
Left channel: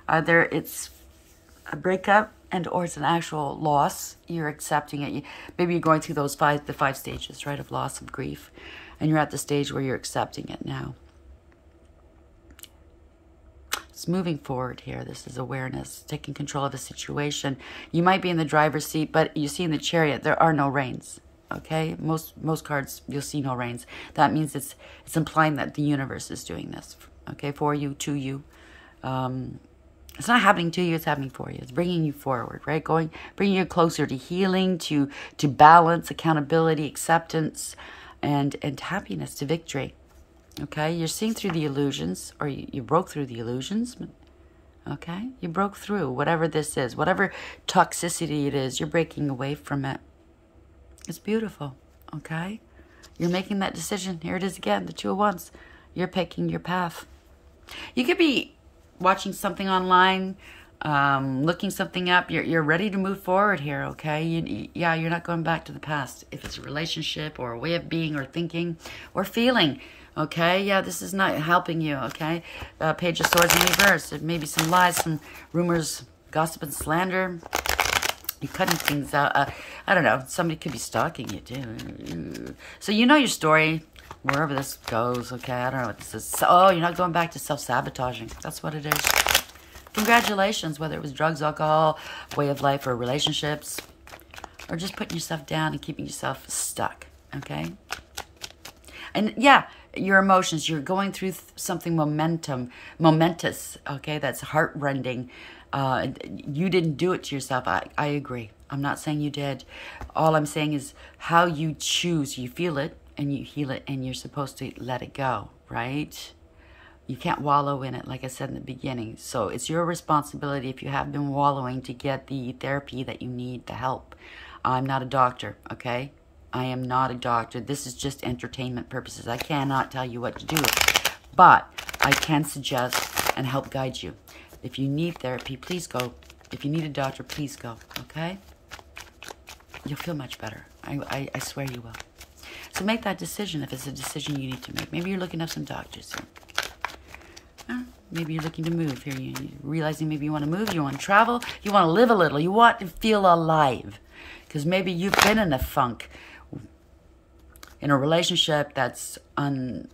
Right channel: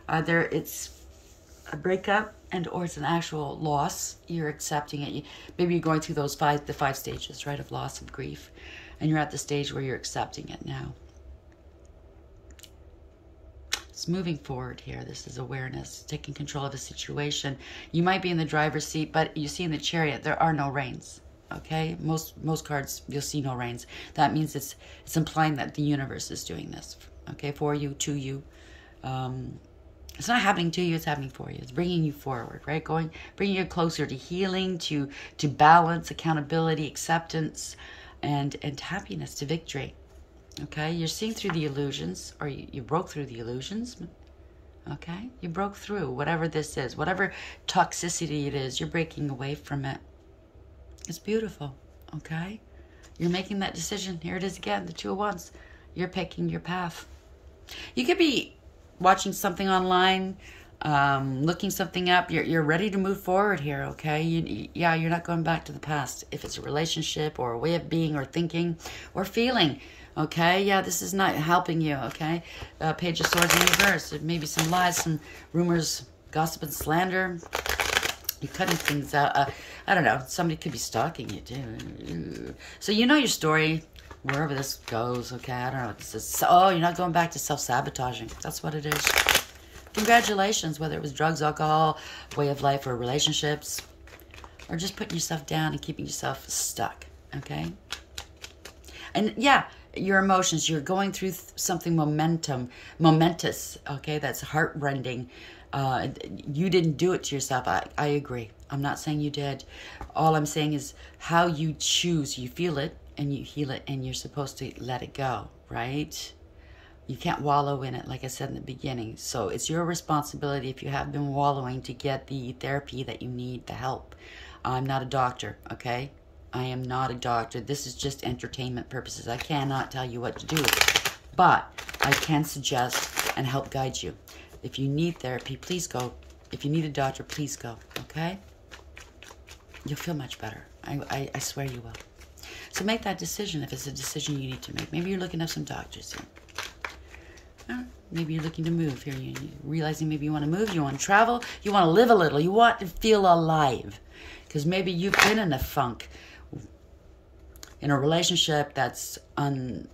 Either it's a breakup and or it's an actual loss. You're accepting it. Maybe you're going through the 5 stages, right, of loss and grief. And you're at the stage where you're accepting it now. It's moving forward here. This is awareness, taking control of a situation. You might be in the driver's seat, but you see in the Chariot, there are no reins. Okay? Most cards, you'll see no reins. That means it's implying that the universe is doing this. Okay? For you, to you. It's not happening to you, it's happening for you. It's bringing you forward, right? Bringing you closer to healing, to balance, accountability, acceptance, and happiness, to victory. Okay, you're seeing through the illusions, or you broke through the illusions. Okay, you broke through whatever this is, whatever toxicity it is, you're breaking away from it. It's beautiful, okay? You're making that decision. Here it is again, the Two of Wands. You're picking your path. You could be watching something online, looking something up. You're ready to move forward here, okay? You're not going back to the past. If it's a relationship or a way of being or thinking or feeling. Okay, yeah, this is not helping you, okay? Page of Swords in reverse. There may be some lies, some rumors, gossip and slander. You're cutting things out. I don't know. Somebody could be stalking you, too. So you know your story, wherever this goes, okay? I don't know what this is. Oh, you're not going back to self-sabotaging. That's what it is. Congratulations, whether it was drugs, alcohol, way of life, or relationships. Or just putting yourself down and keeping yourself stuck, okay? And, yeah, your emotions, you're going through something momentous, okay, that's heart-rending. You didn't do it to yourself. I agree. I'm not saying you did. All I'm saying is how you choose. You feel it, and you heal it, and you're supposed to let it go, right? You can't wallow in it, like I said in the beginning. So it's your responsibility, if you have been wallowing, to get the therapy that you need, the help. I'm not a doctor, okay? I am not a doctor. This is just entertainment purposes. I cannot tell you what to do. But I can suggest and help guide you. If you need therapy, please go. If you need a doctor, please go. Okay? You'll feel much better. I swear you will. So make that decision if it's a decision you need to make. Maybe you're looking up some doctors here. Maybe you're looking to move here. You're realizing maybe you want to move. You want to travel. You want to live a little. You want to feel alive. Because maybe you've been in a funk. In a relationship that's unfulfilling,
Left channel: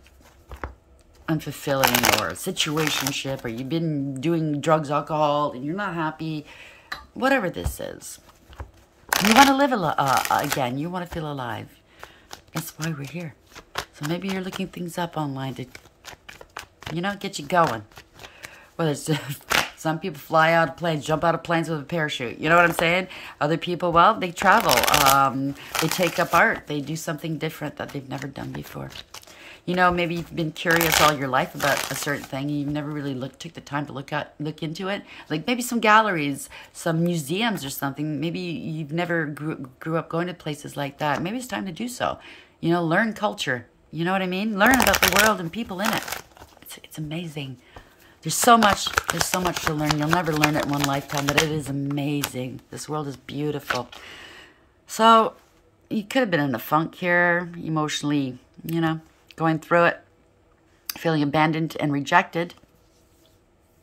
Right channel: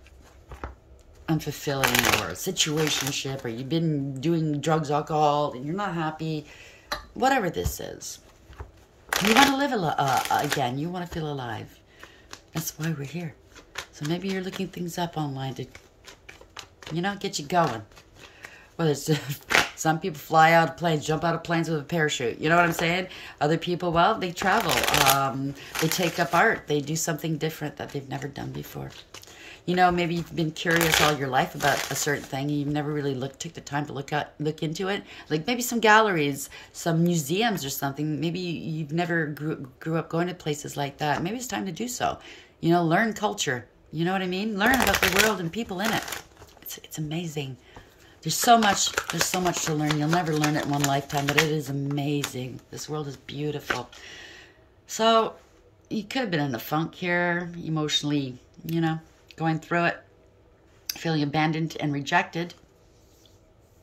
or a situationship, or you've been doing drugs, alcohol, and you're not happy, whatever this is. You want to live again. You want to feel alive. That's why we're here. So maybe you're looking things up online to, you know, get you going. Whether it's some people fly out of planes, jump out of planes with a parachute. You know what I'm saying? Other people, well, they travel. They take up art. They do something different that they've never done before. You know, maybe you've been curious all your life about a certain thing. And you've never really took the time to look into it. Like maybe some galleries, some museums or something. Maybe you've never grew up going to places like that. Maybe it's time to do so. You know, learn culture. You know what I mean? Learn about the world and people in it. It's amazing. There's so much to learn. You'll never learn it in one lifetime, but it is amazing. This world is beautiful. So you could have been in the funk here, emotionally, you know, going through it, feeling abandoned and rejected.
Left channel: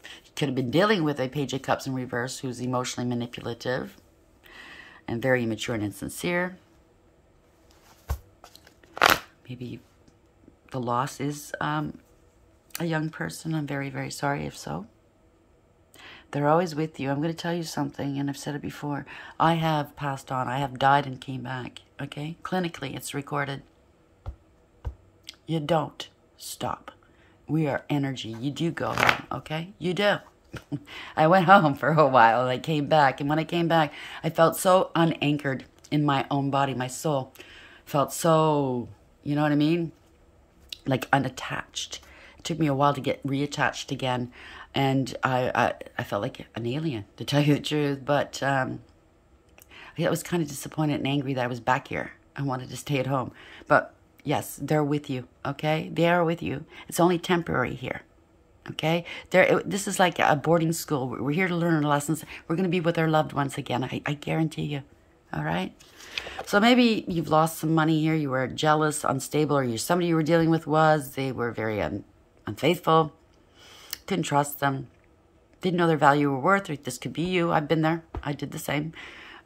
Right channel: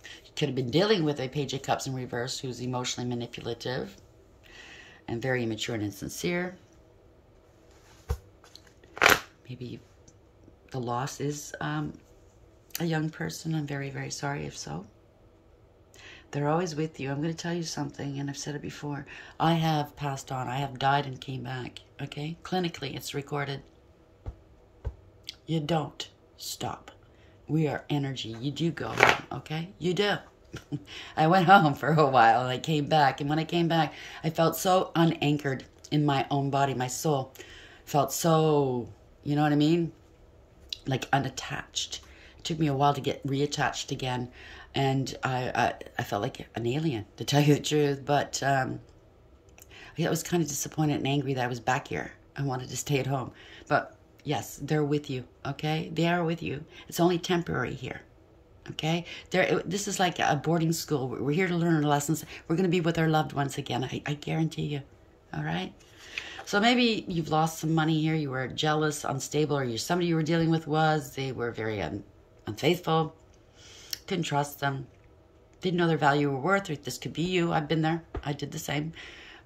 You could have been dealing with a Page of Cups in reverse who's emotionally manipulative and very immature and insincere. Maybe the loss is a young person. I'm very, very sorry if so. They're always with you. I'm going to tell you something, and I've said it before. I have passed on. I have died and came back, okay? Clinically, it's recorded. You don't stop. We are energy. You do go home, okay? You do. I went home for a while, and I came back. And when I came back, I felt so unanchored in my own body. My soul felt so, you know what I mean? Like unattached. It took me a while to get reattached again. And I felt like an alien, to tell you the truth. But I was kind of disappointed and angry that I was back here. I wanted to stay at home. But yes, they're with you, okay? They are with you. It's only temporary here, okay? This is like a boarding school. We're here to learn our lessons. We're going to be with our loved ones again. I guarantee you, all right? So maybe you've lost some money here. You were jealous, unstable, or somebody you were dealing with they were very unfaithful. Didn't trust them. Didn't know their value or worth. Or this could be you. I've been there. I did the same.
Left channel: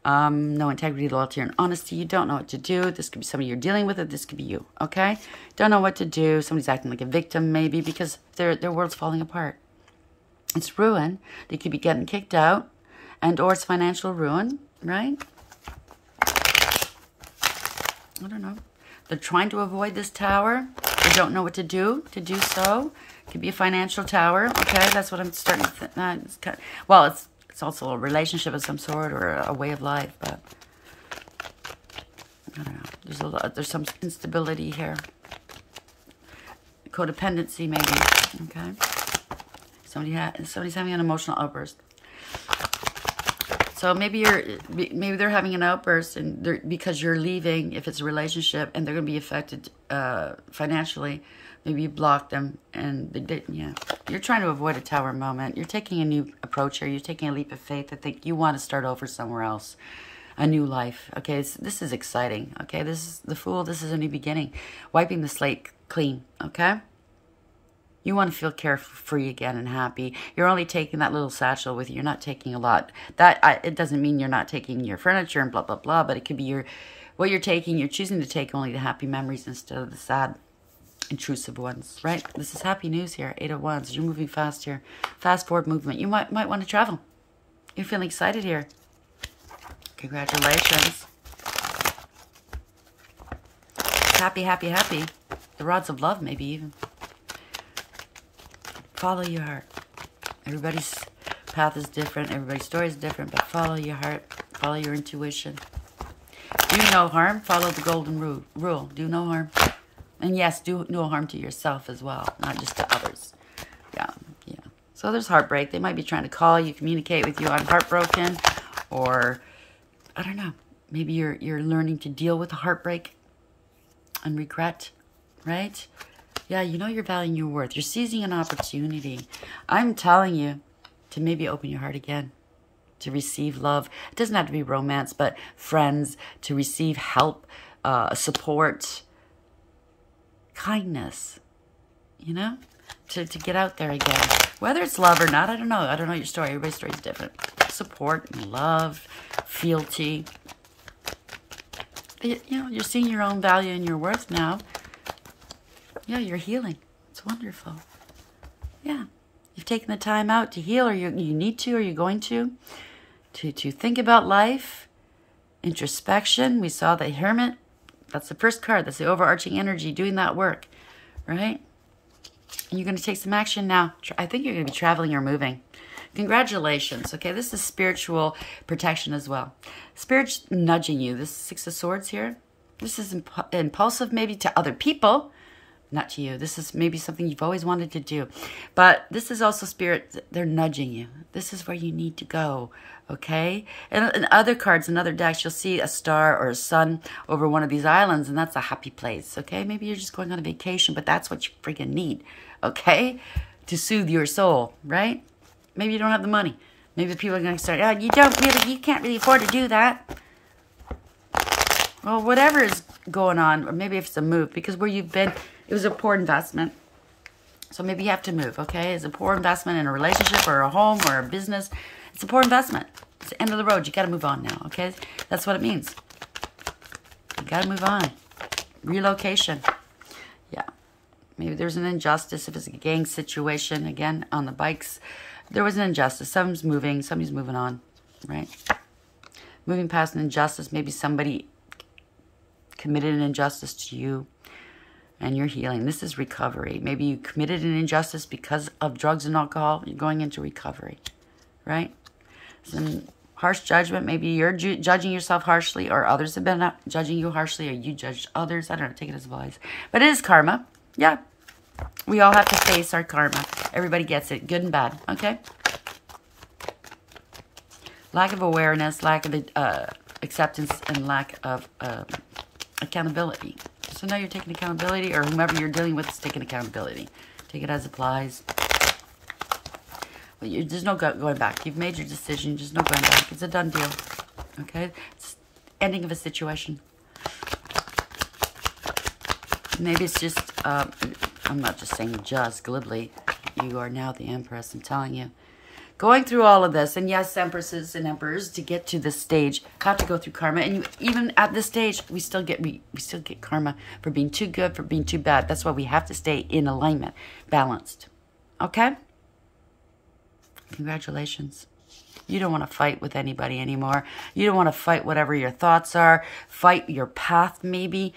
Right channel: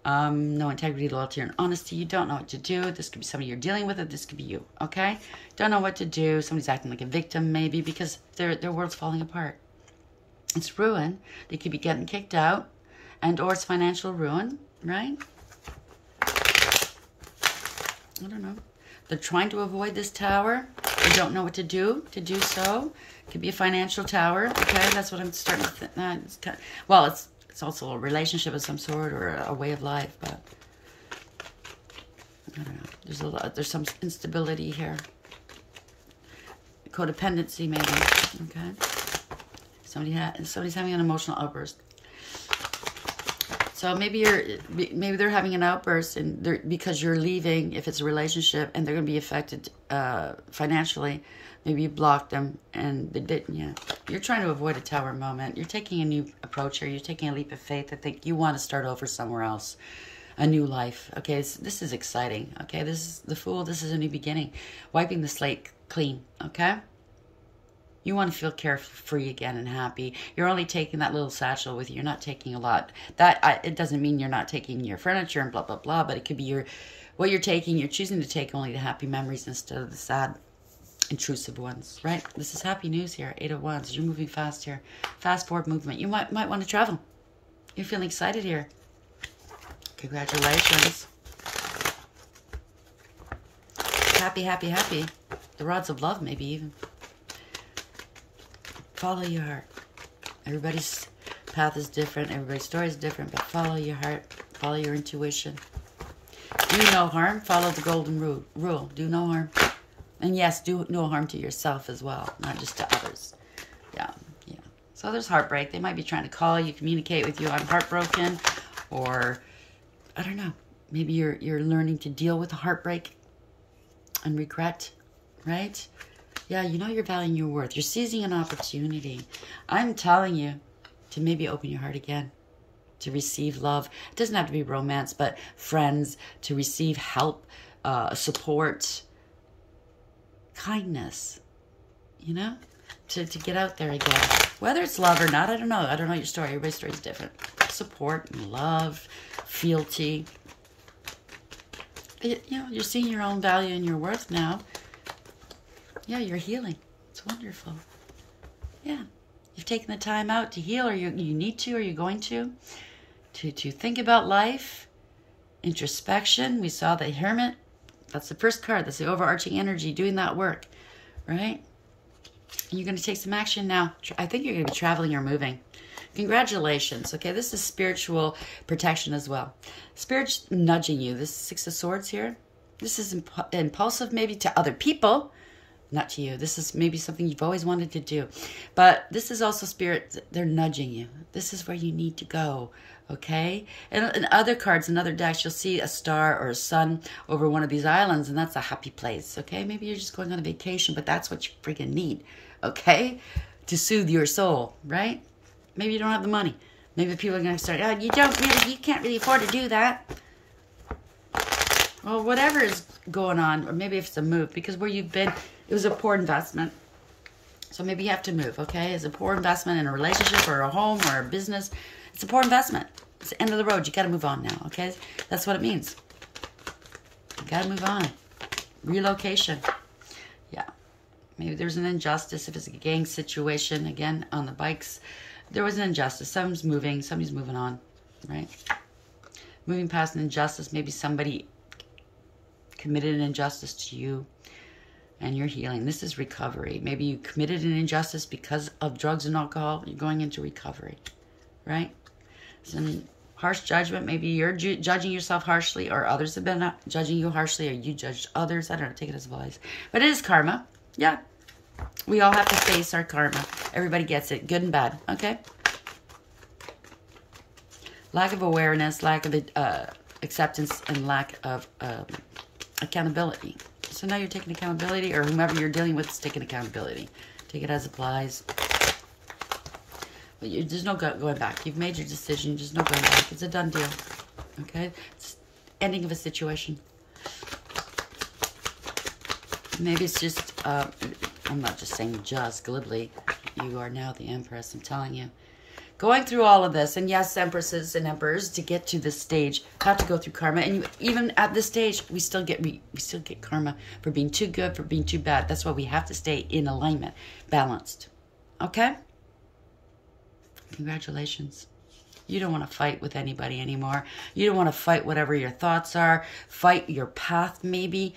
No integrity, loyalty, and honesty. You don't know what to do. This could be somebody you're dealing with, or this could be you, okay? Don't know what to do. Somebody's acting like a victim, maybe, because their world's falling apart. It's ruin. They could be getting kicked out, and or it's financial ruin, right? I don't know. They're trying to avoid this tower. They don't know what to do so. It could be a financial tower, okay? That's what I'm starting to think. Well, it's also a relationship of some sort or a way of life, but I don't know. There's some instability here. Codependency, maybe, okay? Somebody's having an emotional outburst. So maybe they're having an outburst because you're leaving, if it's a relationship, and they're going to be affected financially. Maybe you blocked them and they didn't. Yeah, you're trying to avoid a tower moment. You're taking a new approach here. You're taking a leap of faith. I think you want to start over somewhere else, a new life. Okay, this is exciting. Okay, this is the Fool. This is a new beginning, wiping the slate clean. Okay. You want to feel carefree again and happy. You're only taking that little satchel with you. You're not taking a lot. It doesn't mean you're not taking your furniture and blah, blah, blah, but it could be what you're taking. You're choosing to take only the happy memories instead of the sad, intrusive ones, right? This is happy news here, 8 of Wands. You're moving fast here. Fast forward movement. You might want to travel. You're feeling excited here. Congratulations. Happy, happy, happy. The rods of love, maybe even. Follow your heart. Everybody's path is different. Everybody's story is different, but follow your heart. Follow your intuition. Do no harm. Follow the golden rule. Do no harm. And yes, do no harm to yourself as well, not just to others. Yeah. So there's heartbreak. They might be trying to call you, communicate with you. I'm heartbroken, or I don't know. Maybe you're learning to deal with the heartbreak and regret, right? Yeah, you know your value and your worth. You're seizing an opportunity. I'm telling you to maybe open your heart again, to receive love. It doesn't have to be romance, but friends, to receive help, support, kindness, you know, to get out there again. Whether it's love or not, I don't know. I don't know your story. Everybody's story is different. Support and love, fealty. You know, you're seeing your own value and your worth now. Yeah, you're healing. It's wonderful. Yeah. You've taken the time out to heal, or you need to, or you're going to think about life Introspection. We saw the Hermit. That's the first card. That's the overarching energy doing that work, right? And you're going to take some action now. I think you're going to be traveling or moving. Congratulations. Okay, this is spiritual protection as well. Spirit's nudging you. This Six of Swords here. This is impulsive maybe to other people, not to you. This is maybe something you've always wanted to do. But this is also Spirit. They're nudging you. This is where you need to go. Okay? And in other cards, in other decks, you'll see a star or a sun over one of these islands, and that's a happy place. Okay? Maybe you're just going on a vacation, but that's what you freaking need. Okay? To soothe your soul. Right? Maybe you don't have the money. Maybe people are going to start, oh, you can't really afford to do that. Well, whatever is going on, or maybe if it's a move, because where you've been, it was a poor investment. So maybe you have to move, okay? It's a poor investment in a relationship or a home or a business. It's a poor investment. It's the end of the road. You got to move on now, okay? That's what it means. You got to move on. Relocation. Yeah. Maybe there's an injustice. If it's a gang situation, again, on the bikes, there was an injustice. Somebody's moving on, right? Moving past an injustice. Maybe somebody committed an injustice to you and you're healing. This is recovery. Maybe you committed an injustice because of drugs and alcohol. You're going into recovery, right? Some harsh judgment. Maybe you're judging yourself harshly, or others have been judging you harshly, or you judged others. I don't know. Take it as advice. But it is karma. Yeah. We all have to face our karma. Everybody gets it. Good and bad. Okay? Lack of awareness, lack of acceptance, and lack of accountability. So now you're taking accountability, or whomever you're dealing with is taking accountability. Take it as applies. But there's no going back. You've made your decision. There's no going back. It's a done deal. Okay? It's ending of a situation. Maybe it's just, I'm not just saying just glibly. You are now the Empress, I'm telling you. Going through all of this, and yes, Empresses and Emperors, to get to this stage, have to go through karma. And even at this stage, we still get karma for being too good, for being too bad. That's why we have to stay in alignment, balanced. Okay? Congratulations. You don't want to fight with anybody anymore. You don't want to fight whatever your thoughts are. Fight your path, maybe.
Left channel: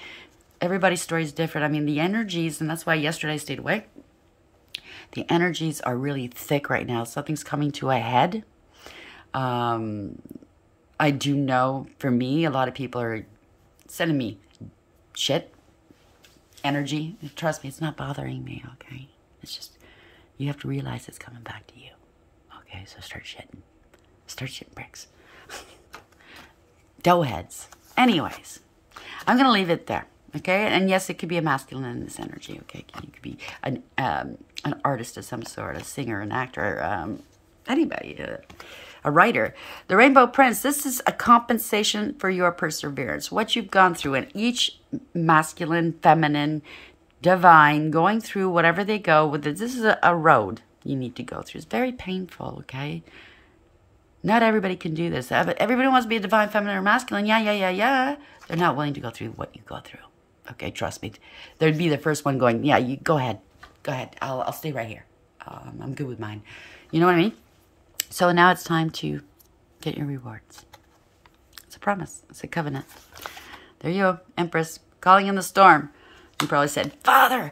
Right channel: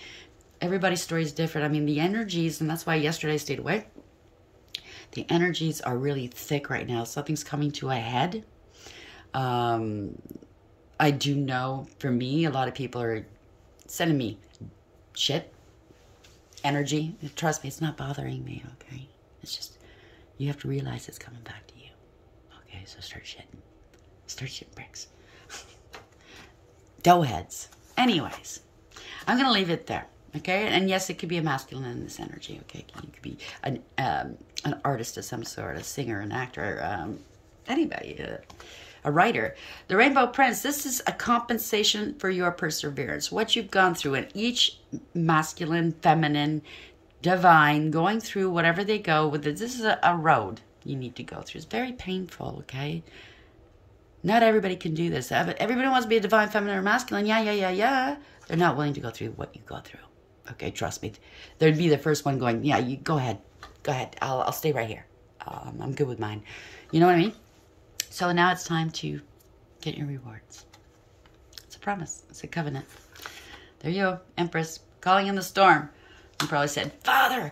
Everybody's story is different. I mean, the energies, and that's why yesterday I stayed away. The energies are really thick right now. Something's coming to a head. I do know, for me, a lot of people are sending me shit, energy. Trust me, it's not bothering me, okay? It's just, you have to realize it's coming back to you. Okay, so start shitting. Start shitting bricks. Dough heads. Anyways, I'm going to leave it there. Okay, and yes, it could be a masculine in this energy. Okay, you could be an artist of some sort, a singer, an actor, anybody, a writer. The Rainbow Prince. This is a compensation for your perseverance. What you've gone through, and each masculine, feminine, divine, going through whatever they go with it. This is a road you need to go through. It's very painful. Okay. Not everybody can do this. Everybody wants to be a divine, feminine, or masculine. Yeah. They're not willing to go through what you go through. Okay, trust me. They'd be the first one going, yeah, you go ahead. Go ahead. I'll stay right here. I'm good with mine. You know what I mean? So now it's time to get your rewards. It's a promise. It's a covenant. There you go, Empress. Calling in the storm. You probably said, Father,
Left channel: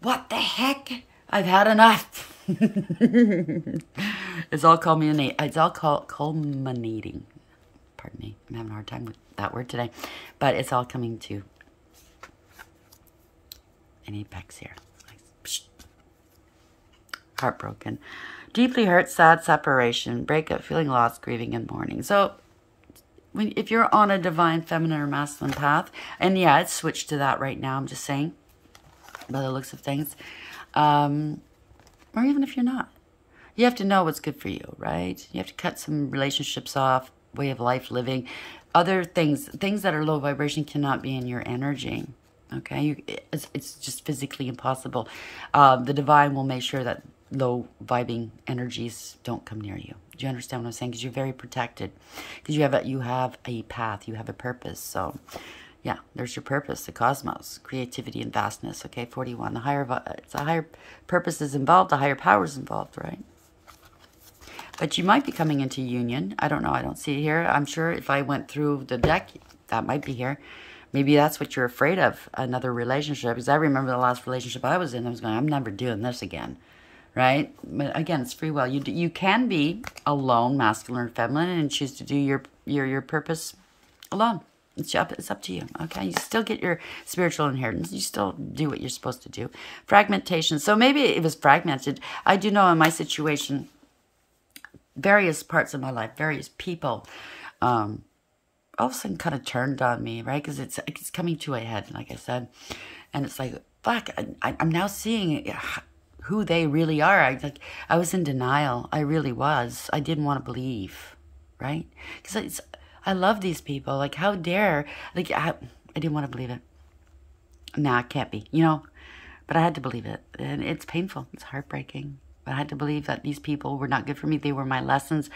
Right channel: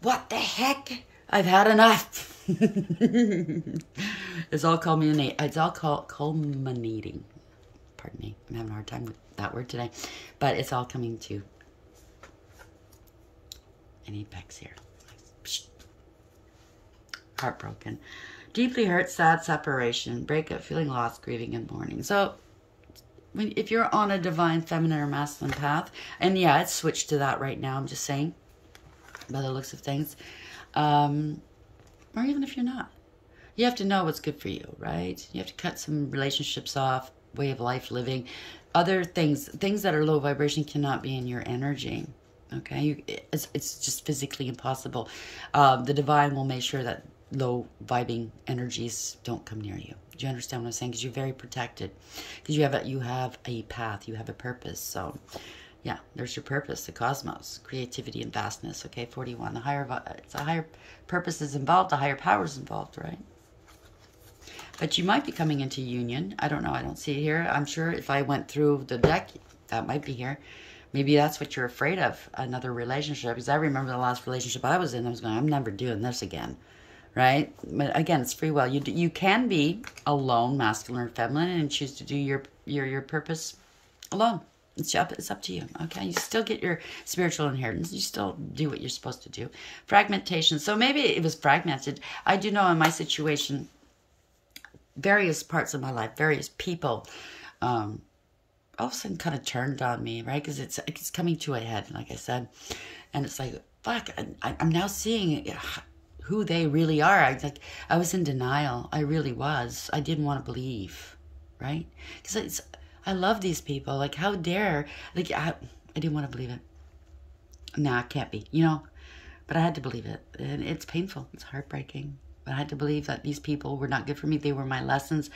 what the heck? I've had enough. It's all culminating. It's all culminating. Pardon me. I'm having a hard time with that word today. But it's all coming to an apex here. Heartbroken. Deeply hurt, sad, separation, breakup, feeling lost, grieving, and mourning. So, if you're on a divine, feminine, or masculine path, and yeah, it's switched to that right now, I'm just saying, by the looks of things, or even if you're not, you have to know what's good for you, right? You have to cut some relationships off, way of life, living, other things that are low vibration cannot be in your energy. Okay, it's just physically impossible. The divine will make sure that low vibing energies don't come near you. Do you understand what I'm saying? Because you're very protected. Because you have a path, you have a purpose. So, yeah, there's your purpose, the cosmos, creativity and vastness. Okay, 41. The higher purpose is involved, the higher power is involved, right? But you might be coming into union. I don't know. I don't see it here. I'm sure if I went through the deck, that might be here. Maybe that's what you're afraid of, another relationship. Because I remember the last relationship I was in, I was going, I'm never doing this again. Right? But again, it's free will. You can be alone, masculine or feminine, and choose to do your purpose alone. It's up to you. Okay? You still get your spiritual inheritance. You still do what you're supposed to do. Fragmentation. So maybe it was fragmented. I do know in my situation, various parts of my life, various people, all of a sudden kind of turned on me, right? Because it's coming to a head, like I said. And it's like, fuck, I'm now seeing who they really are. I was in denial. I really was. I didn't want to believe, right? Because I love these people. Like, how dare, like, I didn't want to believe it. Nah, it can't be, you know? But I had to believe it. And it's painful. It's heartbreaking. But I had to believe that these people were not good for me. They were my lessons.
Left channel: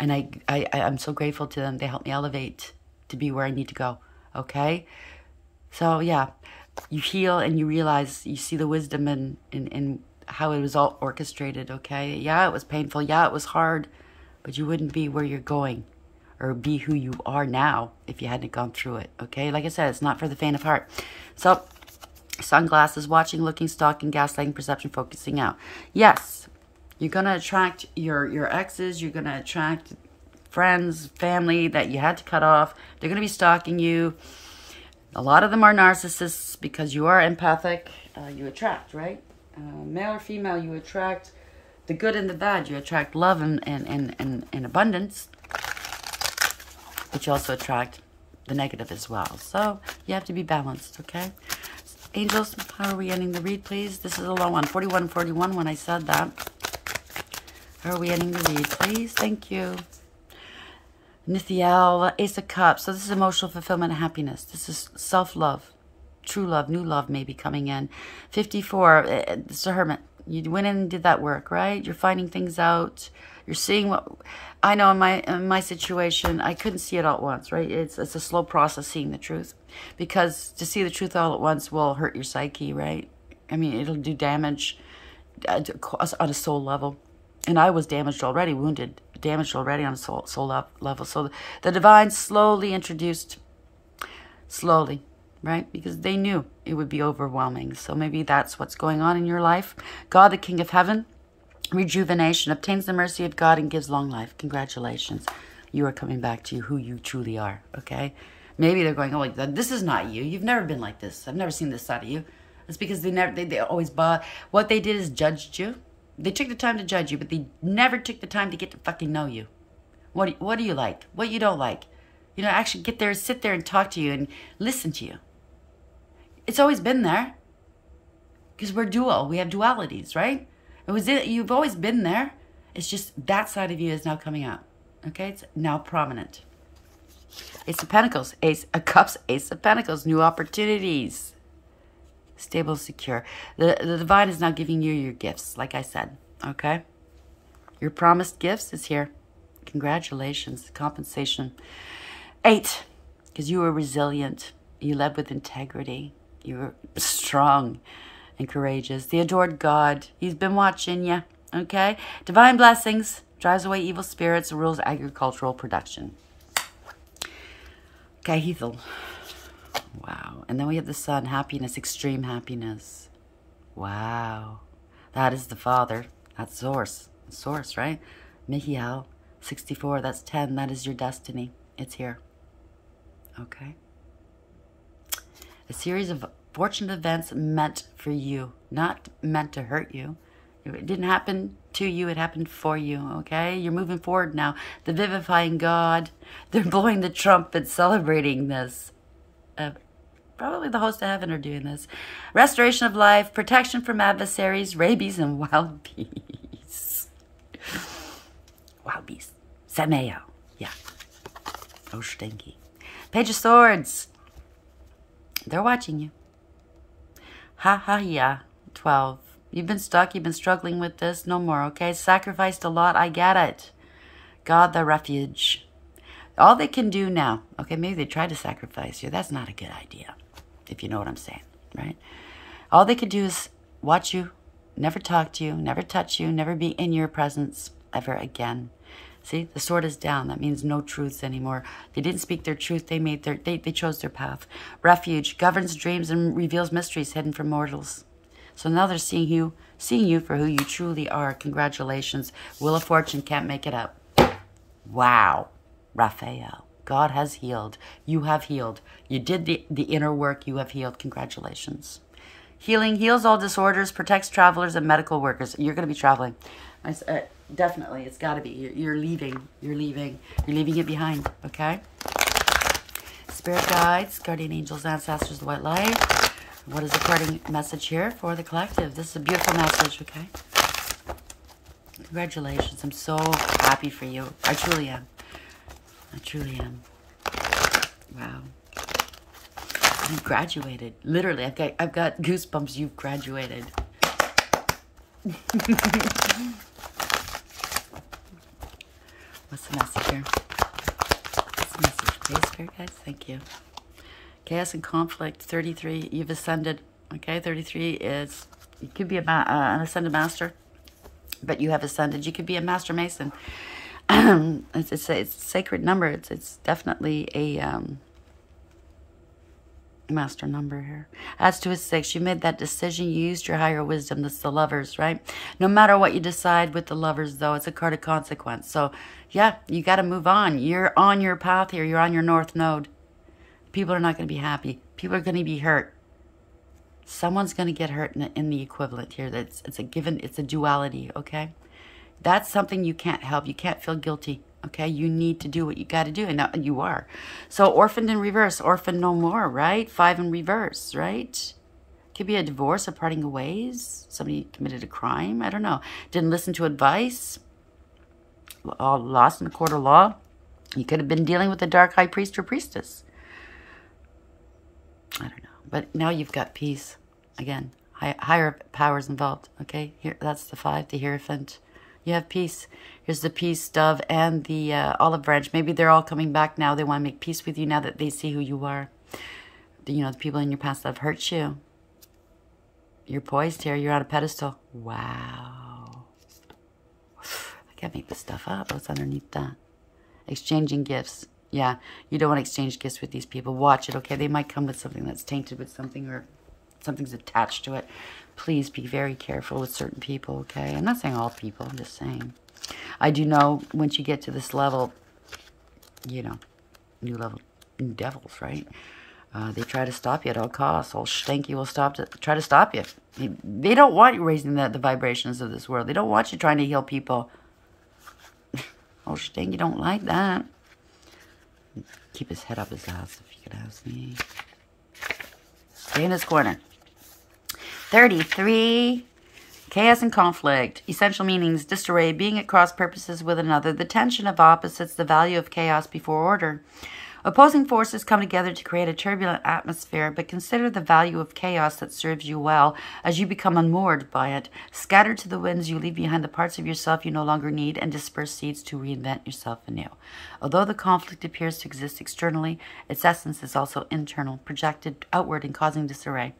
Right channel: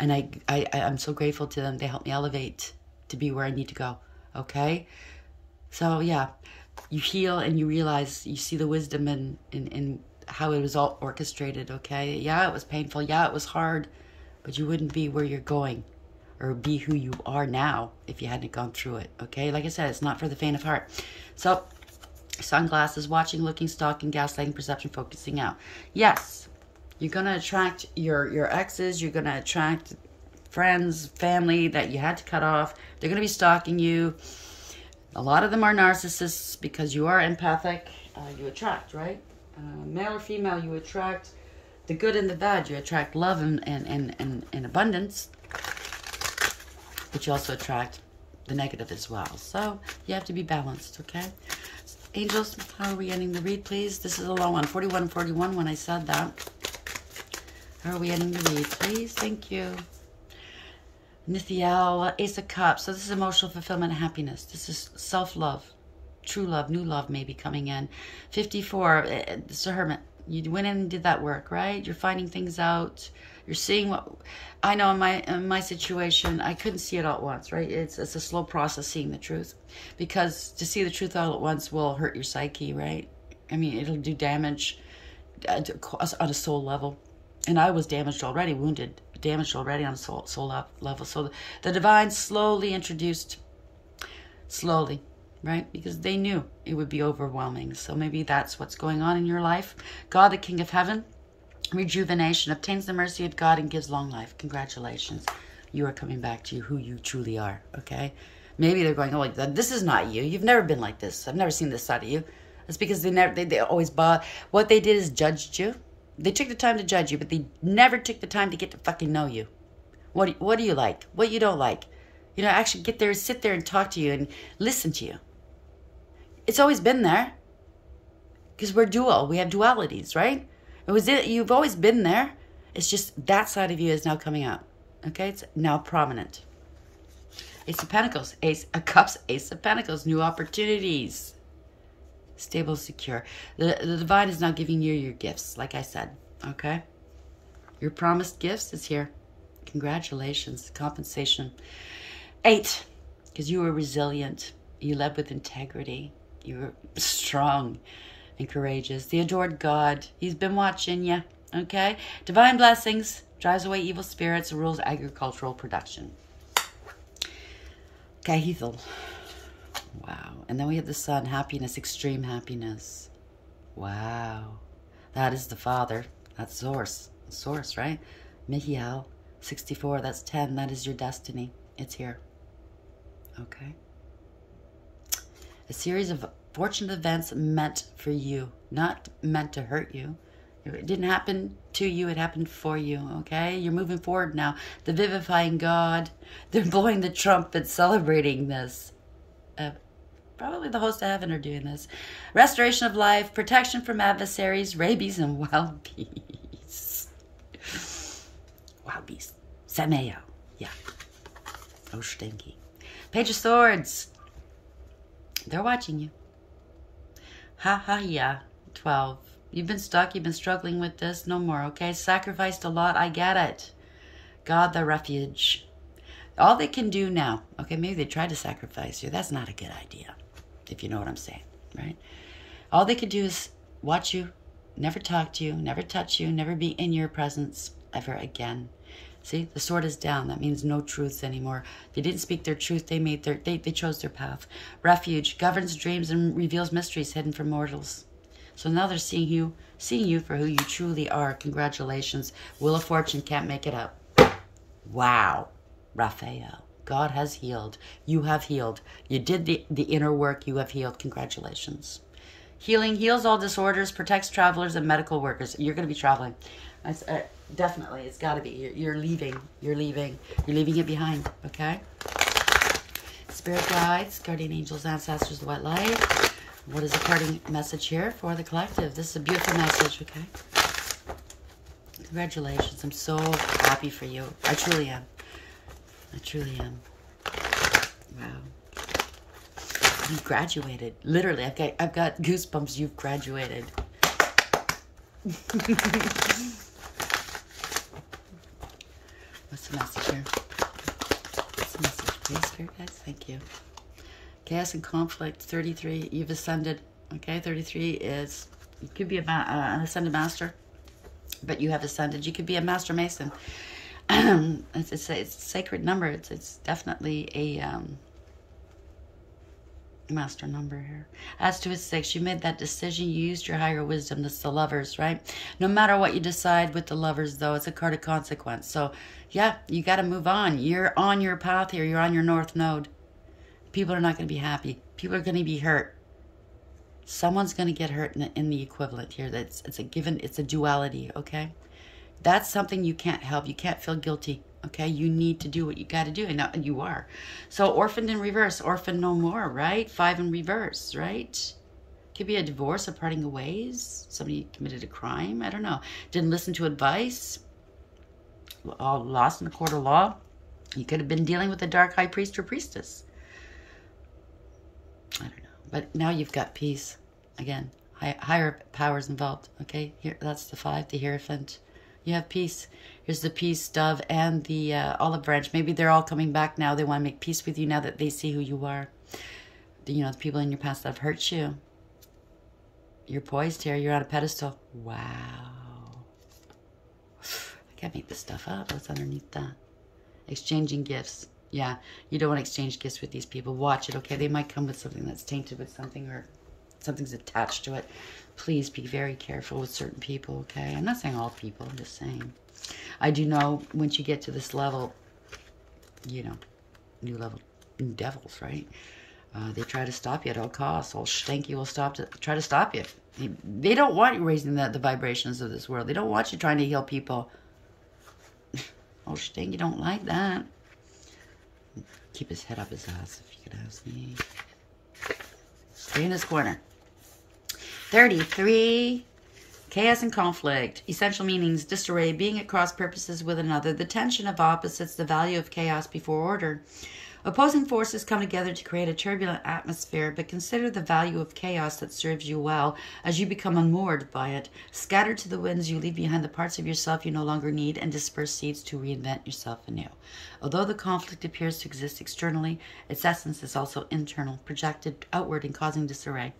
And I'm so grateful to them. They helped me elevate to be where I need to go. Okay? So, yeah. You heal and you realize, you see the wisdom in how it was all orchestrated, okay? Yeah, it was painful. Yeah, it was hard. But you wouldn't be where you're going or be who you are now if you hadn't gone through it, okay? Like I said, it's not for the faint of heart. So, sunglasses, watching, looking, stalking, gaslighting, perception, focusing out. Yes, you're going to attract your exes. You're going to attract friends, family that you had to cut off. They're going to be stalking you. A lot of them are narcissists because you are empathic. You attract, right? Male or female, you attract the good and the bad. You attract love and abundance. But you also attract the negative as well. So you have to be balanced, okay? Angels, how are we ending the read, please? This is a low one, 41 and 41 when I said that. How are we ending the read, please? Thank you. Nithiel, Ace of Cups. So this is emotional fulfillment and happiness. This is self-love. True love, new love may be coming in. 54, it's a hermit. You went in and did that work, right? You're finding things out. You're seeing what... I know in my situation, I couldn't see it all at once, right? It's a slow process seeing the truth. Because to see the truth all at once will hurt your psyche, right? I mean, it'll do damage on a soul level. And I was damaged already, wounded, damaged already on a soul level. So the divine slowly introduced, slowly, right? Because they knew it would be overwhelming. So maybe that's what's going on in your life. God, the King of Heaven, rejuvenation, obtains the mercy of God and gives long life. Congratulations. You are coming back to who you truly are, okay? Maybe they're going, oh, this is not you. You've never been like this. I've never seen this side of you. That's because they always bought. What they did is judged you. They took the time to judge you, but they never took the time to get to fucking know you. What do you like? What you don't like? You know, actually get there, sit there and talk to you and listen to you. It's always been there. Because we're dual. We have dualities, right? You've always been there. It's just that side of you is now coming out. Okay? It's now prominent. Ace of Pentacles. Ace of Cups. Ace of Pentacles. New opportunities. Stable, secure. The divine is now giving you your gifts, like I said. Okay? Your promised gifts is here. Congratulations. Compensation. 8. Because you were resilient. You led with integrity. You were strong and courageous. The adored God. He's been watching you. Okay? Divine blessings. Drives away evil spirits. Rules agricultural production. Kahithal. Wow. And then we have the sun. Happiness. Extreme happiness. Wow. That is the Father. That's Source. Source, right? Mihiel. 64. That's 10. That is your destiny. It's here. Okay? A series of fortunate events meant for you. Not meant to hurt you. It didn't happen to you. It happened for you. Okay? You're moving forward now. The vivifying God. They're blowing the trumpet, celebrating this. Probably the host of heaven are doing this. Restoration of life, protection from adversaries, rabies, and wild beasts. Wild beasts. Sameo. Yeah. Oh, stinky. Page of Swords. They're watching you. Ha ha yeah. 12. You've been stuck. You've been struggling with this. No more, okay? Sacrificed a lot. I get it. God, the refuge. All they can do now, okay, maybe they tried to sacrifice you. That's not a good idea, if you know what I'm saying, right? All they can do is watch you, never talk to you, never touch you, never be in your presence. ever again. See, the sword is down. That means no truths anymore. They didn't speak their truth. They chose their path. Refuge governs dreams and reveals mysteries hidden from mortals. So now they're seeing you for who you truly are. Congratulations. Wheel of Fortune can't make it up. Wow. Raphael. God has healed. You have healed. You did the inner work. You have healed. Congratulations. Healing heals all disorders, protects travelers and medical workers. You're going to be traveling. Definitely. It's got to be. You're leaving. You're leaving. You're leaving it behind. Okay? Spirit guides, guardian angels, ancestors, the white light. What is the parting message here for the collective? This is a beautiful message. Okay? Congratulations. I'm so happy for you. I truly am. I truly am. Wow. You graduated. Literally, I've got goosebumps. You've graduated. What's the message here? What's the message? Okay, Spirit guys? Thank you. Chaos and conflict. 33. You've ascended. Okay, 33 is... You could be an ascended master, but you have ascended. You could be a master mason. It's a sacred number. It's definitely a master number here. Adds to a 6. You made that decision. You used your higher wisdom. That's the lovers, right? No matter what you decide with the lovers, though, it's a card of consequence. So, yeah, you got to move on. You're on your path here. You're on your north node. People are not going to be happy. People are going to be hurt. Someone's going to get hurt in the equivalent here. It's a given. It's a duality, okay? That's something you can't help. You can't feel guilty, okay? You need to do what you got to do, and you are. So orphaned in reverse, orphaned no more, right? 5 in reverse, right? Could be a divorce, a parting of ways. Somebody committed a crime. I don't know. Didn't listen to advice. Lost in the court of law. You could have been dealing with a dark high priest or priestess. I don't know. But now you've got peace. Again, higher powers involved, okay? Here, that's the 5, the Hierophant. You have peace. Here's the peace dove and the olive branch. Maybe they're all coming back now. They want to make peace with you now that they see who you are. The people in your past that have hurt you. You're poised here. You're on a pedestal. Wow. I can't make this stuff up. What's underneath that? Exchanging gifts. Yeah, you don't want to exchange gifts with these people. Watch it, okay? They might come with something that's tainted with something or something's attached to it. Please be very careful with certain people, okay? I'm not saying all people. I'm just saying. I do know once you get to this level, new level, new devils, right? They try to stop you at all costs. All stanky will try to stop you. They don't want you raising the vibrations of this world. They don't want you trying to heal people. Oh, stanky don't like that. Keep his head up his ass, if you could ask me. Stay in this corner. 33. Chaos and conflict. Essential meanings. Disarray. Being at cross purposes with another. The tension of opposites. The value of chaos before order. Opposing forces come together to create a turbulent atmosphere, but consider the value of chaos that serves you well as you become unmoored by it. Scattered to the winds, you leave behind the parts of yourself you no longer need and disperse seeds to reinvent yourself anew. Although the conflict appears to exist externally, its essence is also internal, projected outward and causing disarray.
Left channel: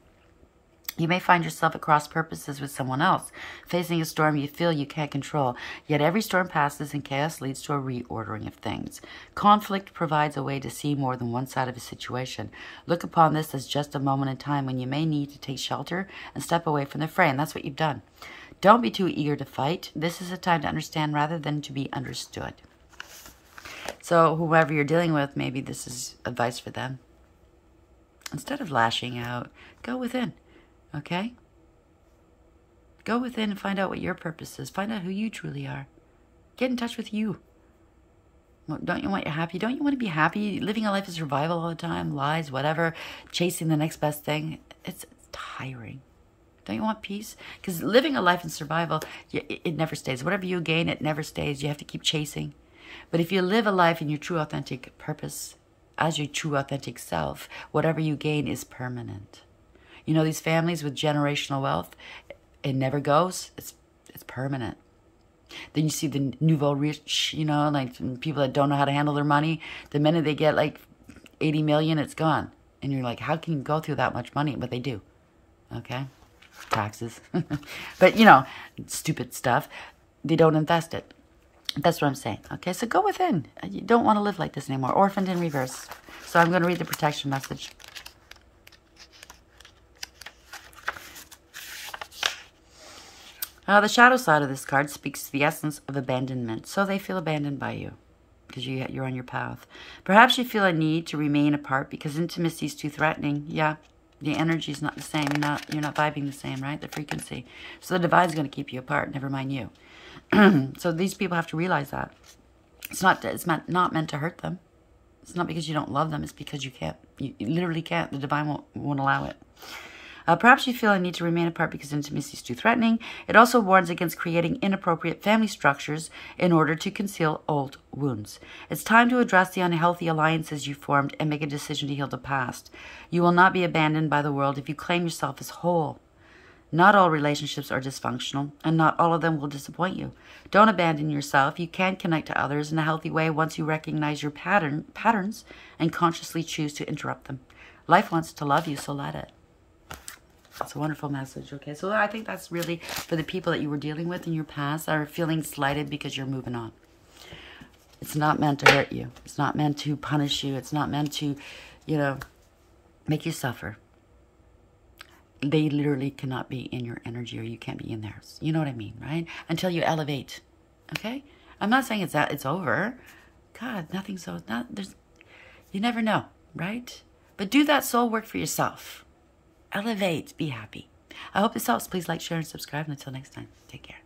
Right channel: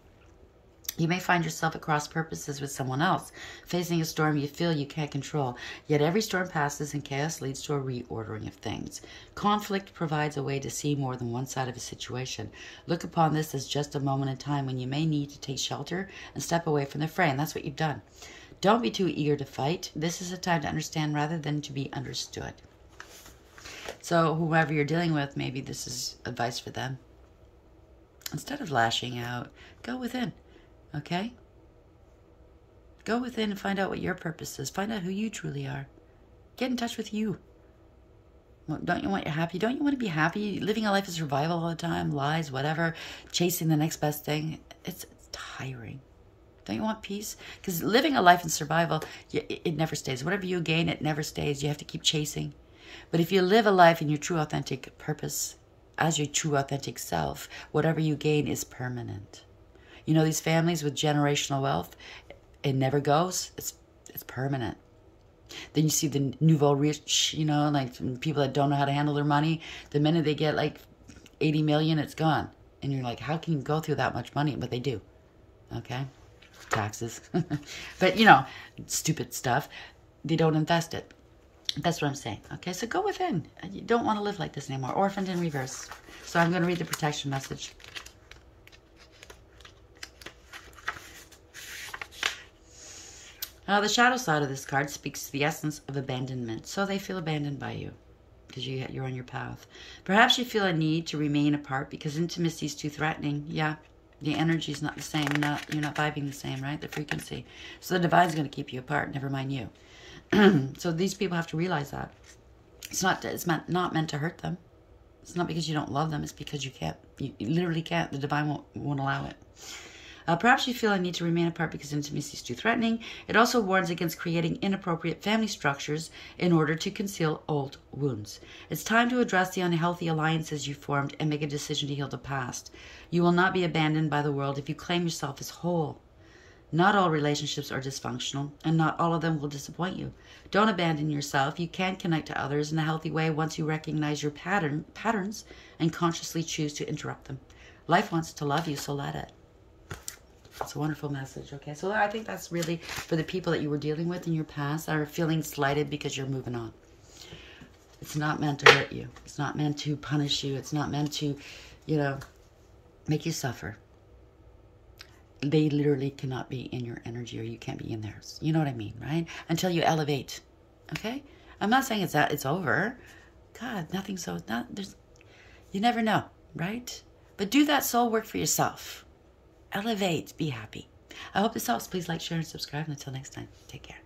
You may find yourself at cross purposes with someone else, facing a storm you feel you can't control. Yet every storm passes and chaos leads to a reordering of things. Conflict provides a way to see more than one side of a situation. Look upon this as just a moment in time when you may need to take shelter and step away from the fray, and that's what you've done. Don't be too eager to fight. This is a time to understand rather than to be understood. So whoever you're dealing with, maybe this is advice for them. Instead of lashing out, go within. Okay? Go within and find out what your purpose is. Find out who you truly are. Get in touch with you. Well, don't you want you happy? Don't you want to be happy? Living a life of survival all the time, lies, whatever, chasing the next best thing. It's tiring. Don't you want peace? Because living a life in survival, it never stays. Whatever you gain, it never stays. You have to keep chasing. But if you live a life in your true authentic purpose, as your true authentic self, whatever you gain is permanent. You know, these families with generational wealth, it never goes. It's permanent. Then you see the nouveau rich, like people that don't know how to handle their money. The minute they get like 80 million, it's gone. And you're like, how can you go through that much money? But they do. Okay? Taxes. But, stupid stuff. They don't invest it. That's what I'm saying. Okay, so go within. You don't want to live like this anymore. Orphaned in reverse. So I'm going to read the protection message. The shadow side of this card speaks to the essence of abandonment. So they feel abandoned by you because you're on your path. Perhaps you feel a need to remain apart because intimacy is too threatening. Yeah, the energy is not the same. You're not vibing the same, right? The frequency. So the divine's going to keep you apart. Never mind you. So these people have to realize that. It's not meant to hurt them. It's not because you don't love them. It's because you can't. You literally can't. The divine won't allow it. Perhaps you feel a need to remain apart because intimacy is too threatening. It also warns against creating inappropriate family structures in order to conceal old wounds. It's time to address the unhealthy alliances you formed and make a decision to heal the past. You will not be abandoned by the world if you claim yourself as whole. Not all relationships are dysfunctional, and not all of them will disappoint you. Don't abandon yourself. You can connect to others in a healthy way once you recognize your patterns and consciously choose to interrupt them. Life wants to love you, so let it. It's a wonderful message, okay? So I think that's really for the people that you were dealing with in your past that are feeling slighted because you're moving on. It's not meant to hurt you. It's not meant to punish you. It's not meant to, you know, make you suffer. They literally cannot be in your energy or you can't be in theirs. You know what I mean, right? Until you elevate, okay? I'm not saying it's over. God, nothing's so, you never know, right? But do that soul work for yourself. Elevate. Be happy. I hope this helps. Please like, share, and subscribe. Until next time, take care.